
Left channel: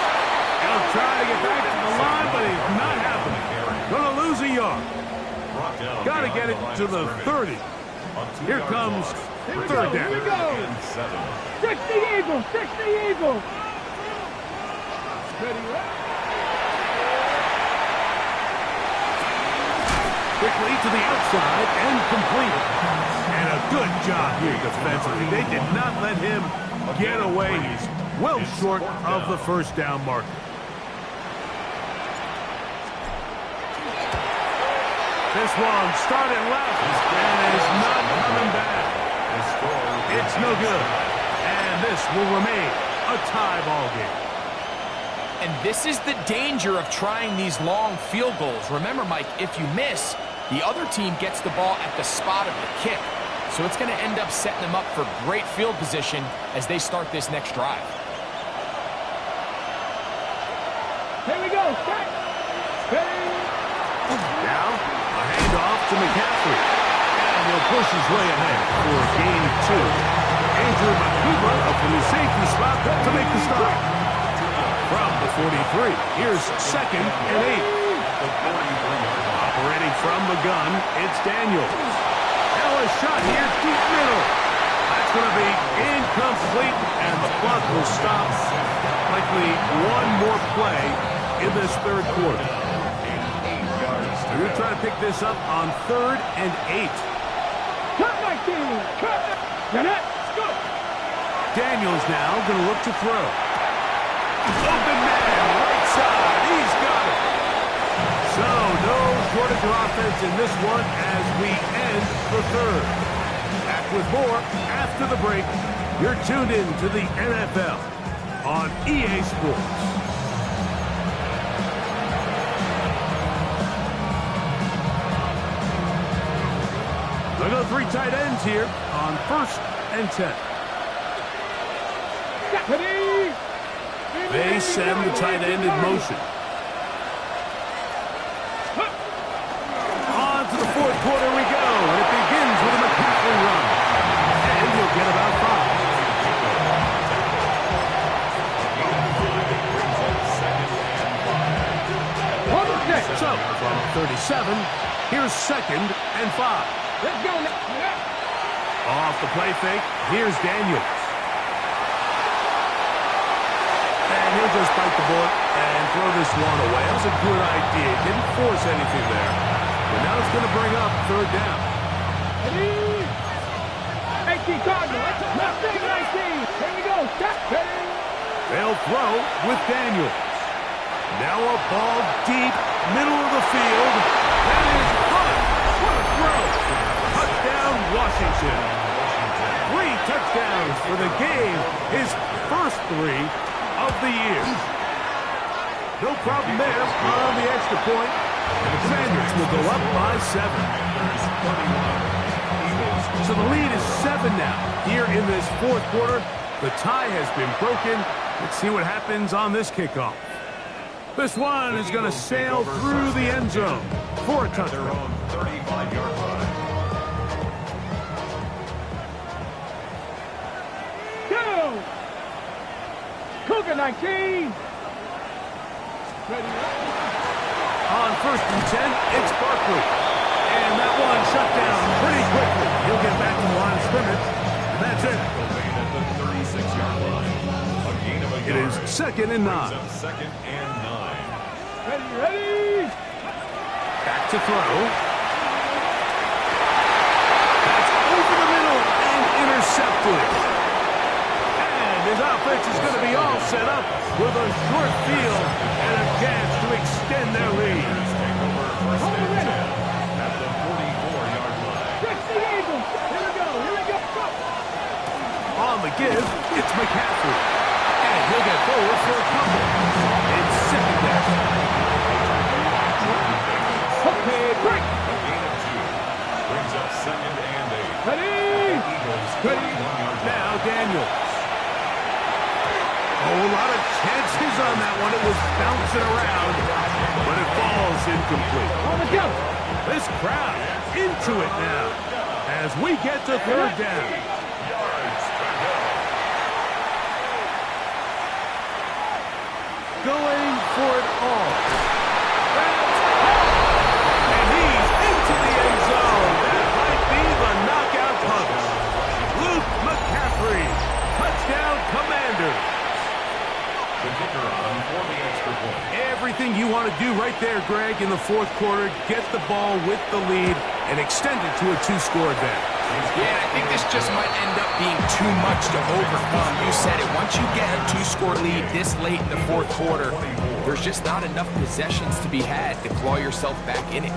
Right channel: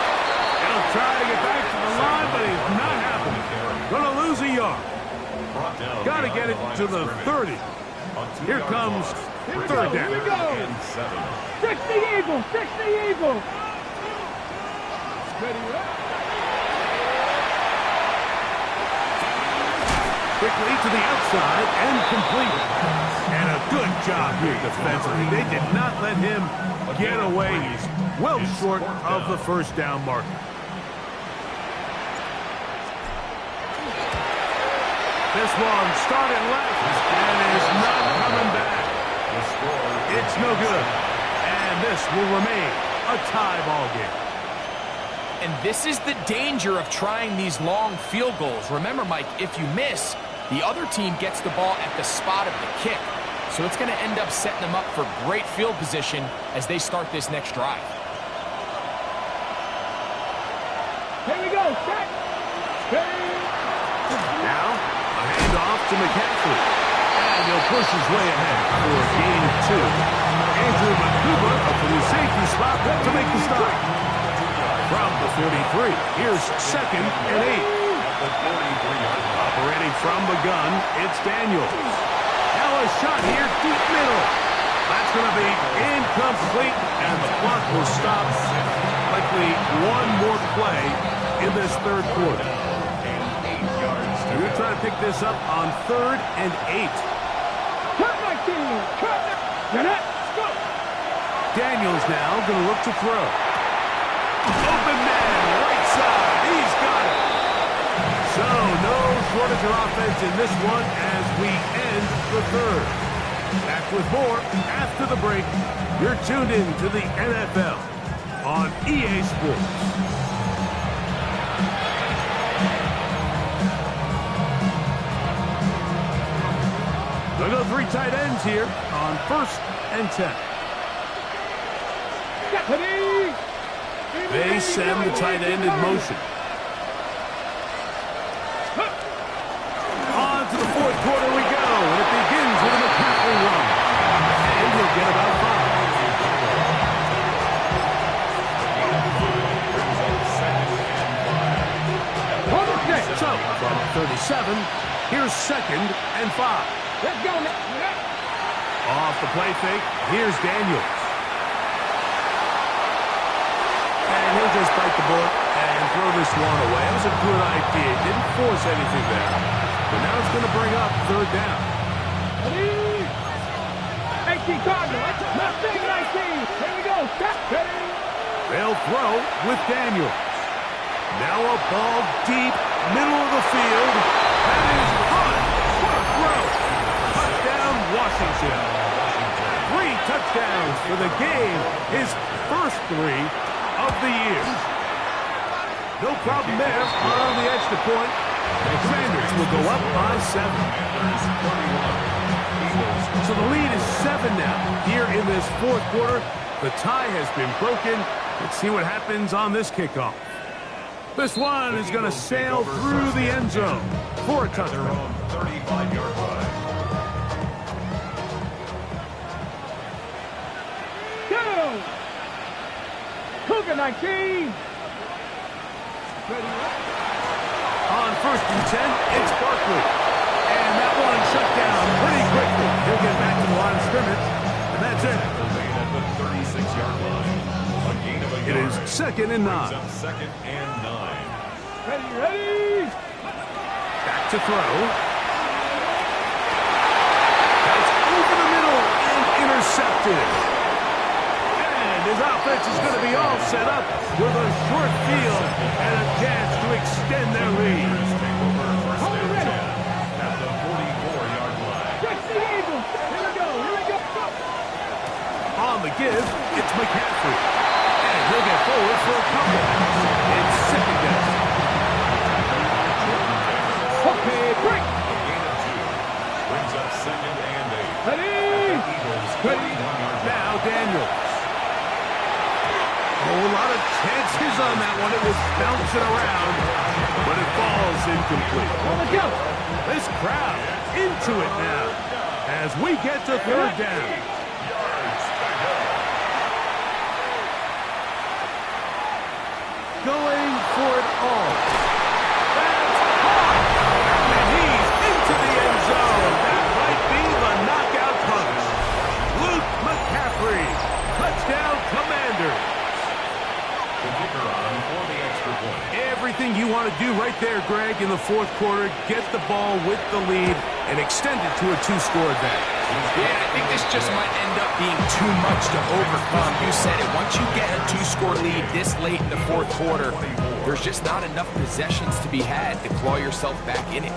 He'll try to get back to the line, but he's not happening. Going to lose a yard. Brought down Got to get it behind to the the line of 30. On Here 2-yard comes loss. third Here we down. go. And 7. 60 Eagles. 60 Eagles. Ready, right? Quickly to the outside and complete. And a good job here defensively. They did not let him get away. He's well short of the first down marker. This one started left and is not coming back. It's no good. And this will remain a tie ball game. And this is the danger of trying these long field goals. Remember, Mike, if you miss, the other team gets the ball at the spot of the kick. So it's going to end up setting them up for great field position as they start this next drive. Here we go. Set. Ready. Now, a handoff to McCaffrey. And he'll push his way ahead for a gain of 2. Andrew Makuba up from the safety spot to make the stop. From the 43, here's 2nd and 8. Operating from the gun, it's Daniels. Now a shot here, deep middle. That's going to be incomplete, and the clock will stop. Likely one more play in this third quarter. We're going to try to pick this up on 3rd and 8. Cut 19. Cut. Get it. Go. Daniels now going to look to throw. Open man, right side. He's got it. So no shortage of offense in this one as we end the third. Back with more after the break. You're tuned in to the NFL on EA Sports. They'll go 3 tight ends here on 1st and 10. They send the tight end in motion. On to the 4th quarter we go, and it begins with a McCaffrey run. And he'll get about 5. So, from 37, here's 2nd and 5. Let's go. Off the play fake, here's Daniels. And he'll just bite the bullet and throw this one away. That was a good idea. Didn't force anything there. But now it's going to bring up 3rd down. 18 Cardinal. Left thing 19. Here we go. Stop. Ready. They'll throw with Daniels. Now a ball deep, middle of the field. That is Hunt. What a throw. Touchdown, Washington. 3 touchdowns for the game. His first 3 of the year. No problem there on the extra point. The Commanders will go up by 7. So the lead is 7 now. Here in this 4th quarter, the tie has been broken. Let's see what happens on this kickoff. This one is going to sail through the end zone for a touchdown. 35-yard line. Go. Cougar 19. Ready. On 1st and 10, it's Barkley. And that one shut down pretty quickly. He'll get back to the line of scrimmage, and that's it. At the 36-yard line. A gain of a It yard. is 2nd and 9. 2nd and 9. Ready. Back to throw. That's over the middle and intercepted. And his offense is going to be all set up with a short field and a chance to extend their lead. Take over 1st and 10 at the 44-yard line. Fix the Eagles. Here we go. Go. On the give, it's McCaffrey. And he'll get forward for a couple. It's 2nd down. Okay, break. A gain of 2. Brings up 2nd and 8. Ready. Eagles 41-yard line. Now Daniels. Oh, a lot of chances on that one. It was bouncing around, but it falls incomplete. On the go. This crowd into it now as we get to 3rd down. Yards to go. Going for it all. That's caught. And he's into the end zone. That might be the knockout punch. Luke McCaffrey. Touchdown, Commanders. The kicker on for the extra point. everything you want to do right there, Greg, in the fourth quarter. Get the ball with the lead and extend it to a two-score advantage. Yeah, I think this just might end up being too much to overcome. You said it. Once you get a two-score lead this late in the fourth quarter, there's just not enough possessions to be had to claw yourself back in it.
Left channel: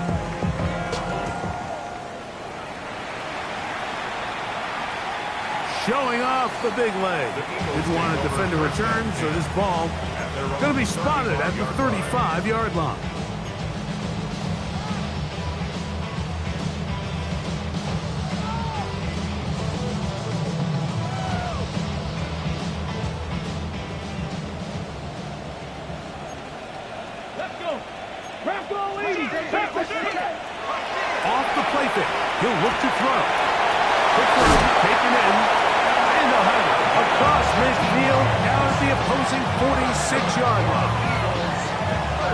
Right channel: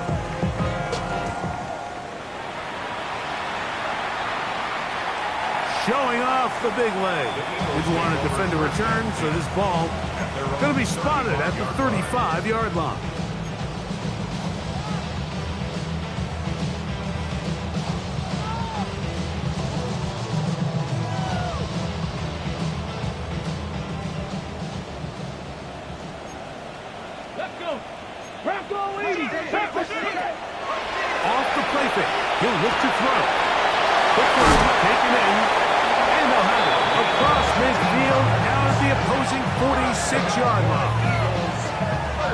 Showing off the big leg. Didn't want to defend a return, so this ball going to be spotted at the 35-yard line. Let's go. Bronco 80. Off the play fake. He'll look to throw. Quick throw, taken in. And they'll have it across midfield, down at the opposing 46-yard line.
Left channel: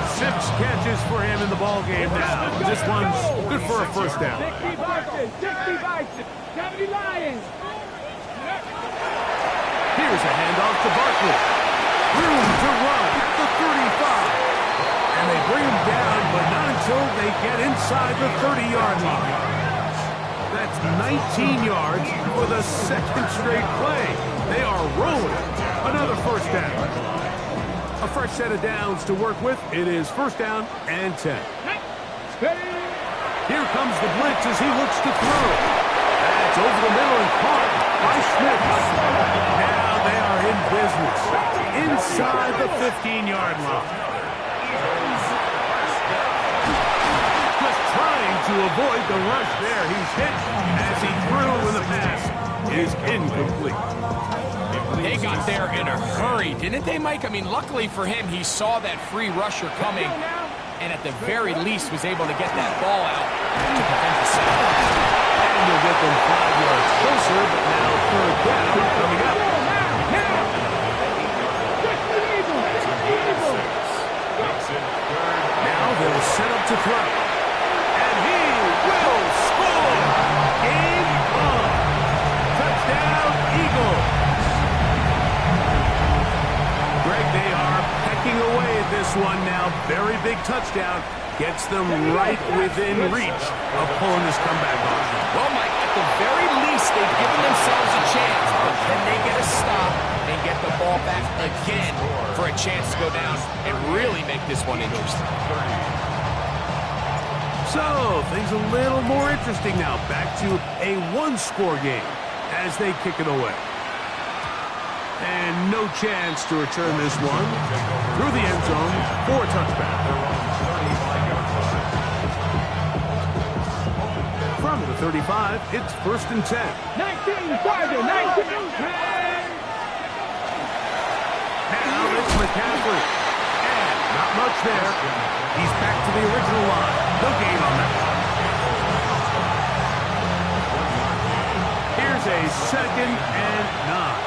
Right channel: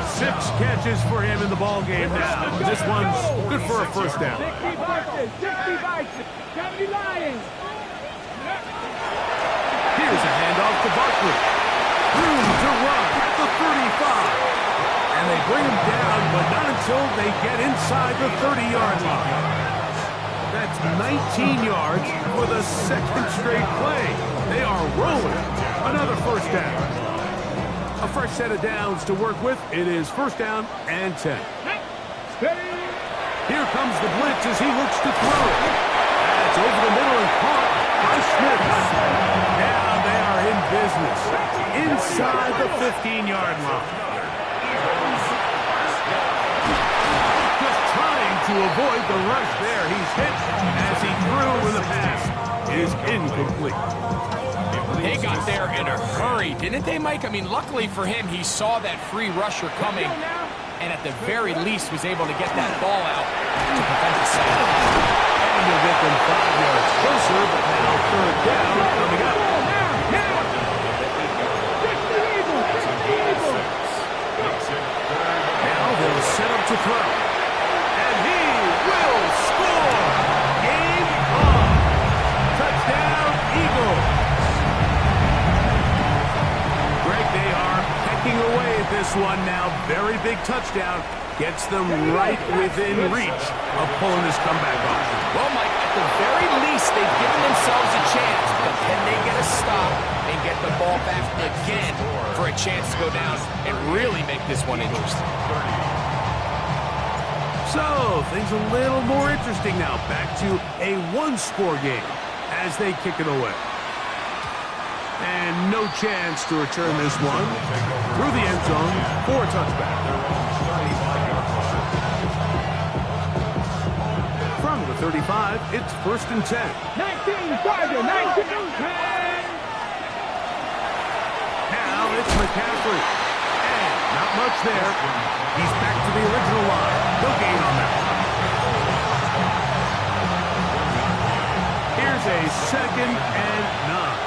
6 catches for him in the ball game now. This one's good for a first down. 60 Bison. 60 Bison. 70 Lions. Here's a handoff to Barkley. Room to run at the 35. And they bring him down, but not until they get inside the 30-yard line. That's 19 yards for the second straight play. They are rolling. Another first down. A fresh set of downs to work with. It is first down and 10. Here comes the blitz as he looks to throw. That's over the middle and caught by Smith. Now they are in business. Inside the 15-yard line. Trying to avoid the rush there. He's hit as he threw and the pass is incomplete. They got there in a hurry, didn't they, Mike? I mean, luckily for him, he saw that free rusher coming and at the very least was able to get that ball out to prevent the sack. And you'll get them 5 yards closer, but now third down coming up. Now they'll set up to throw. And he will score! Game on! Touchdown, Eagles! Greg, they are pecking away at this one now. Very big touchdown. Gets them right within reach of pulling this comeback off. Well, Mike, at the very least, they've given themselves a chance. But can they get a stop and get the ball back again for a chance to go down and really make this one interesting? So, things a little more interesting now. Back to a one-score game as they kick it away. And no chance to return this one through the end zone for a touchback. From the 35, it's first and 10. 19, Tiger, 19. Now it's McCaffrey. And not much there. He's back to the original line. No gain on that one. Here's a second and 9.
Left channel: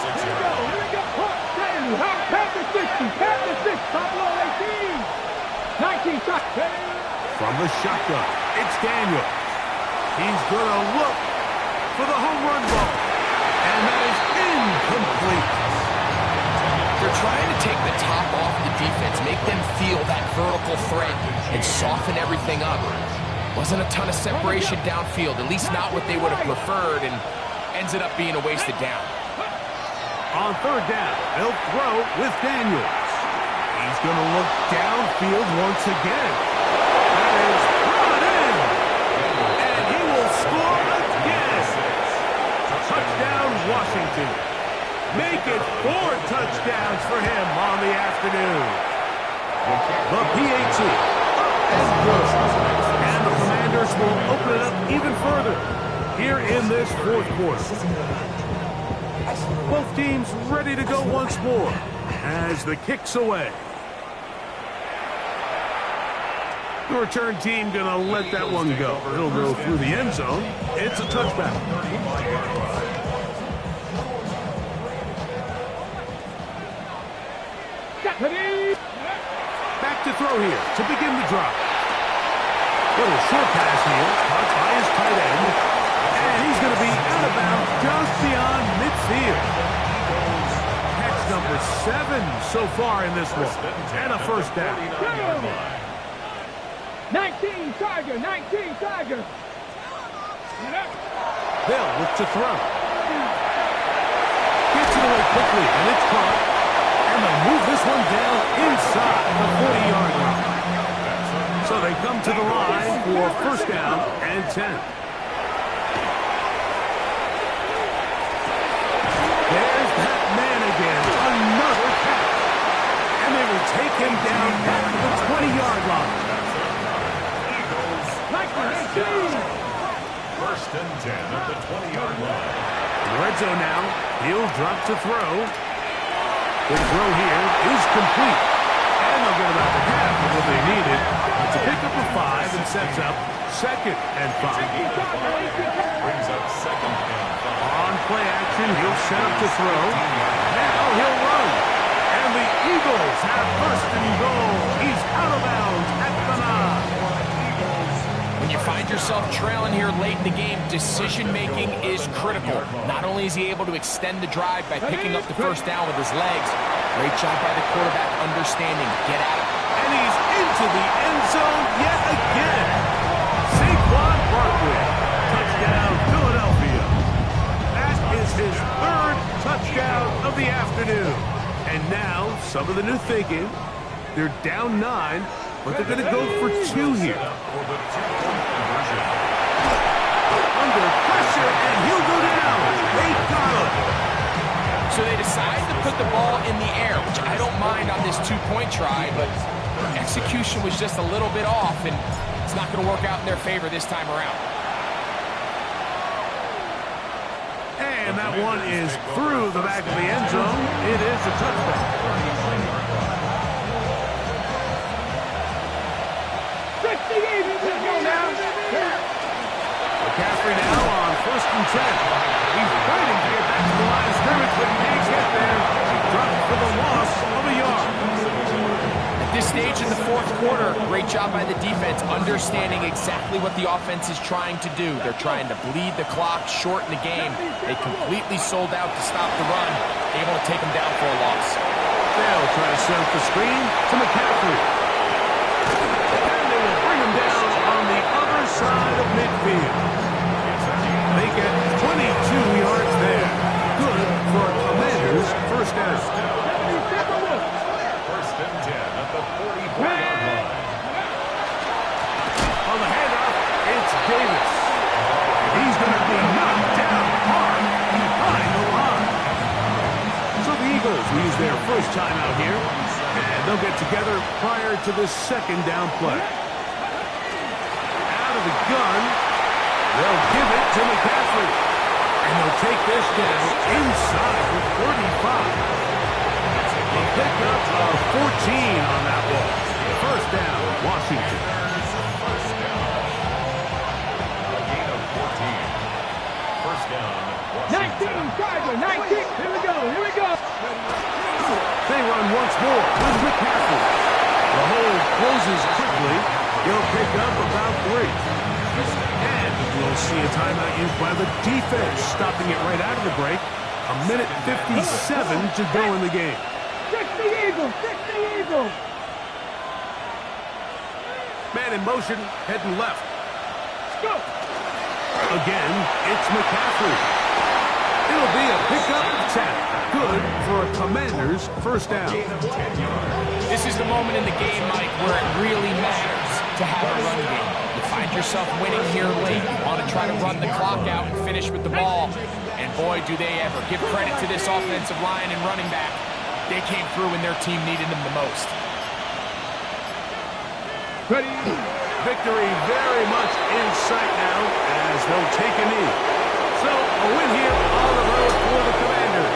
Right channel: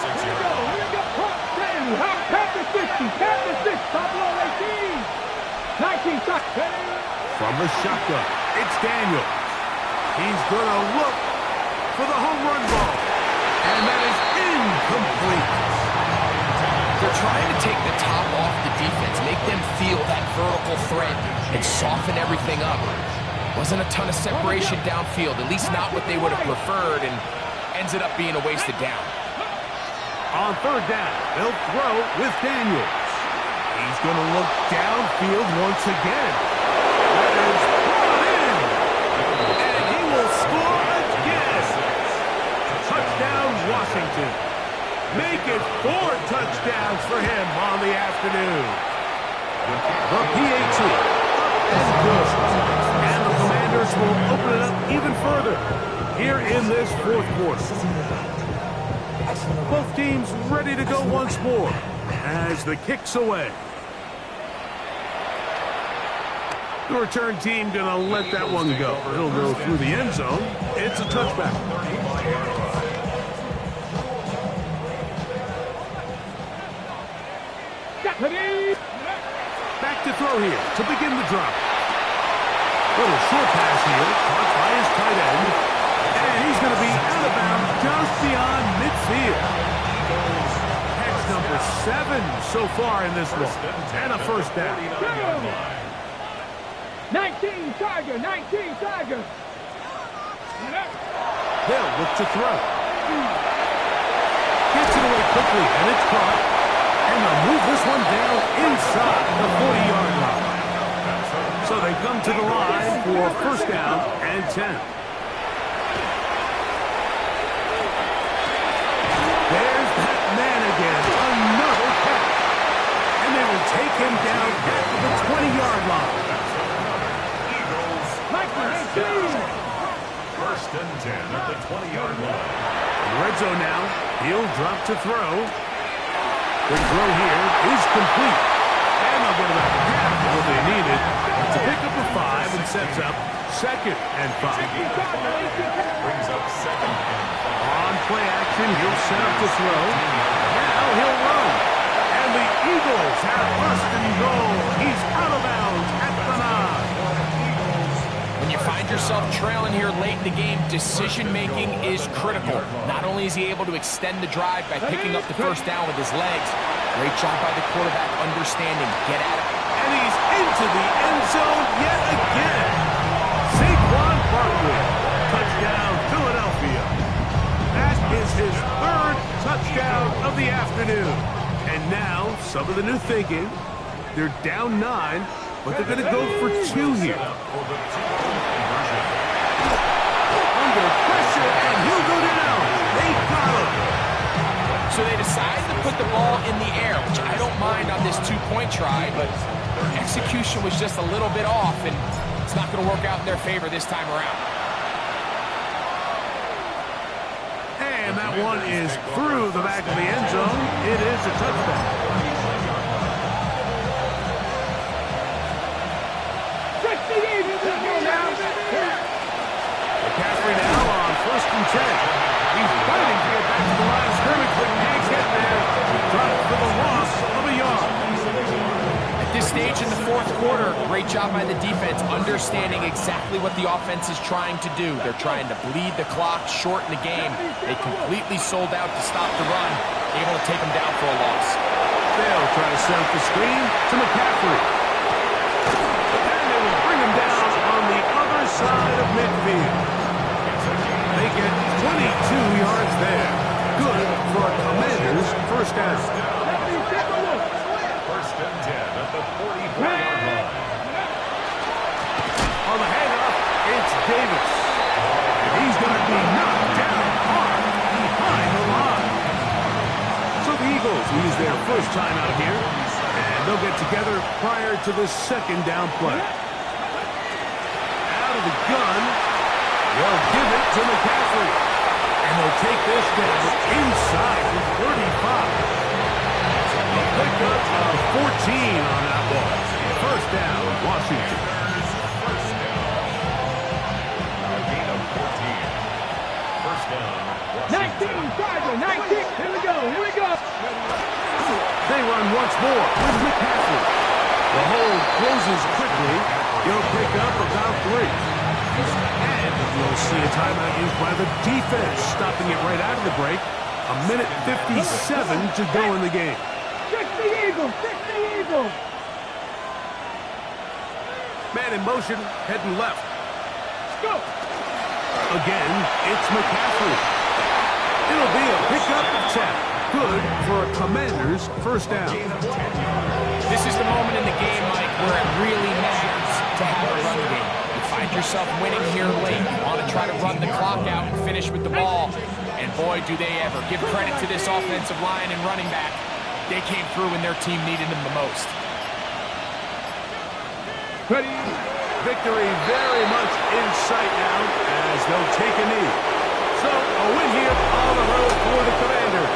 Here we go. Past the 60. Pablo 18. 19, From the shotgun, it's Daniel. He's going to look for the home run ball. And that is incomplete. They're trying to take the top off the defense, make them feel that vertical threat, and soften everything up. Wasn't a ton of separation downfield, at least not what they would have preferred, and ends it up being a wasted down. On third down, they'll throw with Daniels. He's going to look downfield once again. That is brought in. And he will score again. Touchdown, Washington. Make it 4 touchdowns for him on the afternoon. The PAT up and good. And the Commanders will open it up even further here in this fourth quarter. Both teams ready to go once more as the kick's away. The return team going to let that one go. It'll go through the end zone. It's a touchback. Back to throw here to begin the drop. Little short pass here, caught by his tight end. And he's going to be out of bounds just beyond midfield. Catch number 7 so far in this one. And a first down. 19 Tiger, 19 Tiger. They'll look to throw. Gets it away quickly, and it's caught. And they'll move this one down inside the 40-yard line. So they come to the line for first down and 10. There's that man again, another catch. And they will take him down at the 20-yard line. First and 10 at the 20-yard line. In red zone now, he'll drop to throw. The throw here is complete. And they'll get about half of what they needed. It's a pickup of 5 and sets up second and 5. Brings up second and 5. On play action, he'll set up to throw. Now he'll run. And the Eagles have first and goal. He's out of bounds at the 9. When you find yourself trailing here late in the game, decision-making is critical. Not only is he able to extend the drive by picking up the first down with his legs, great job by the quarterback understanding. Get at him. And he's into the end zone yet again. Saquon Barkley. Touchdown, Philadelphia. That is his 3rd touchdown of the afternoon. And now, some of the new thinking. They're down 9, but they're going to go for 2 here. Under pressure, and he'll go down. They got him. So they decide to put the ball in the air, which I don't mind on this 2-point try, but their execution was just a little bit off, and it's not going to work out in their favor this time around. And that one is through the back of the end zone. It is a touchdown. McCaffrey now on first and 10. He's fighting to get back to the line of scrimmage, but can't get there. He dropped for the loss of a yard. At this stage in the 4th quarter, great job by the defense understanding exactly what the offense is trying to do. They're trying to bleed the clock, shorten the game. They completely sold out to stop the run, able to take them down for a loss. They'll try to set up the screen to McCaffrey. And they will bring him down on the other side of midfield. They get 22 yards there. Good for Commanders' first down. First and 10 at the 44-yard line. On the handoff, it's Davis. He's going to be knocked down hard behind the line. So the Eagles use their first time out here, and they'll get together prior to the second down play. Out of the gun, they'll give it to McCaffrey. And they'll take this down inside the 35. A pickup of 14 on that ball. First down, Washington. First down. A gain of 14. First down, Washington. 19 Tiger, 19. Here we go, here we go. They run once more with McCaffrey. The hold closes quickly. He'll pick up about 3. And we'll see a timeout used by the defense, stopping it right out of the break. A minute 57 to go in the game. 60 Eagles, 60 Eagles. Man in motion, heading left. Let's go. Again, it's McCaffrey. It'll be a pickup of 10. Good for a Commander's first down. This is the moment in the game, Mike, where it really matters to have a run game. You find yourself winning here late. You want to try to run the clock out and finish with the ball. And boy, do they ever. Give credit to this offensive line and running back. They came through when their team needed them the most. Ready. Victory very much in sight now as they'll take a knee. So a win here on the road for the Commanders.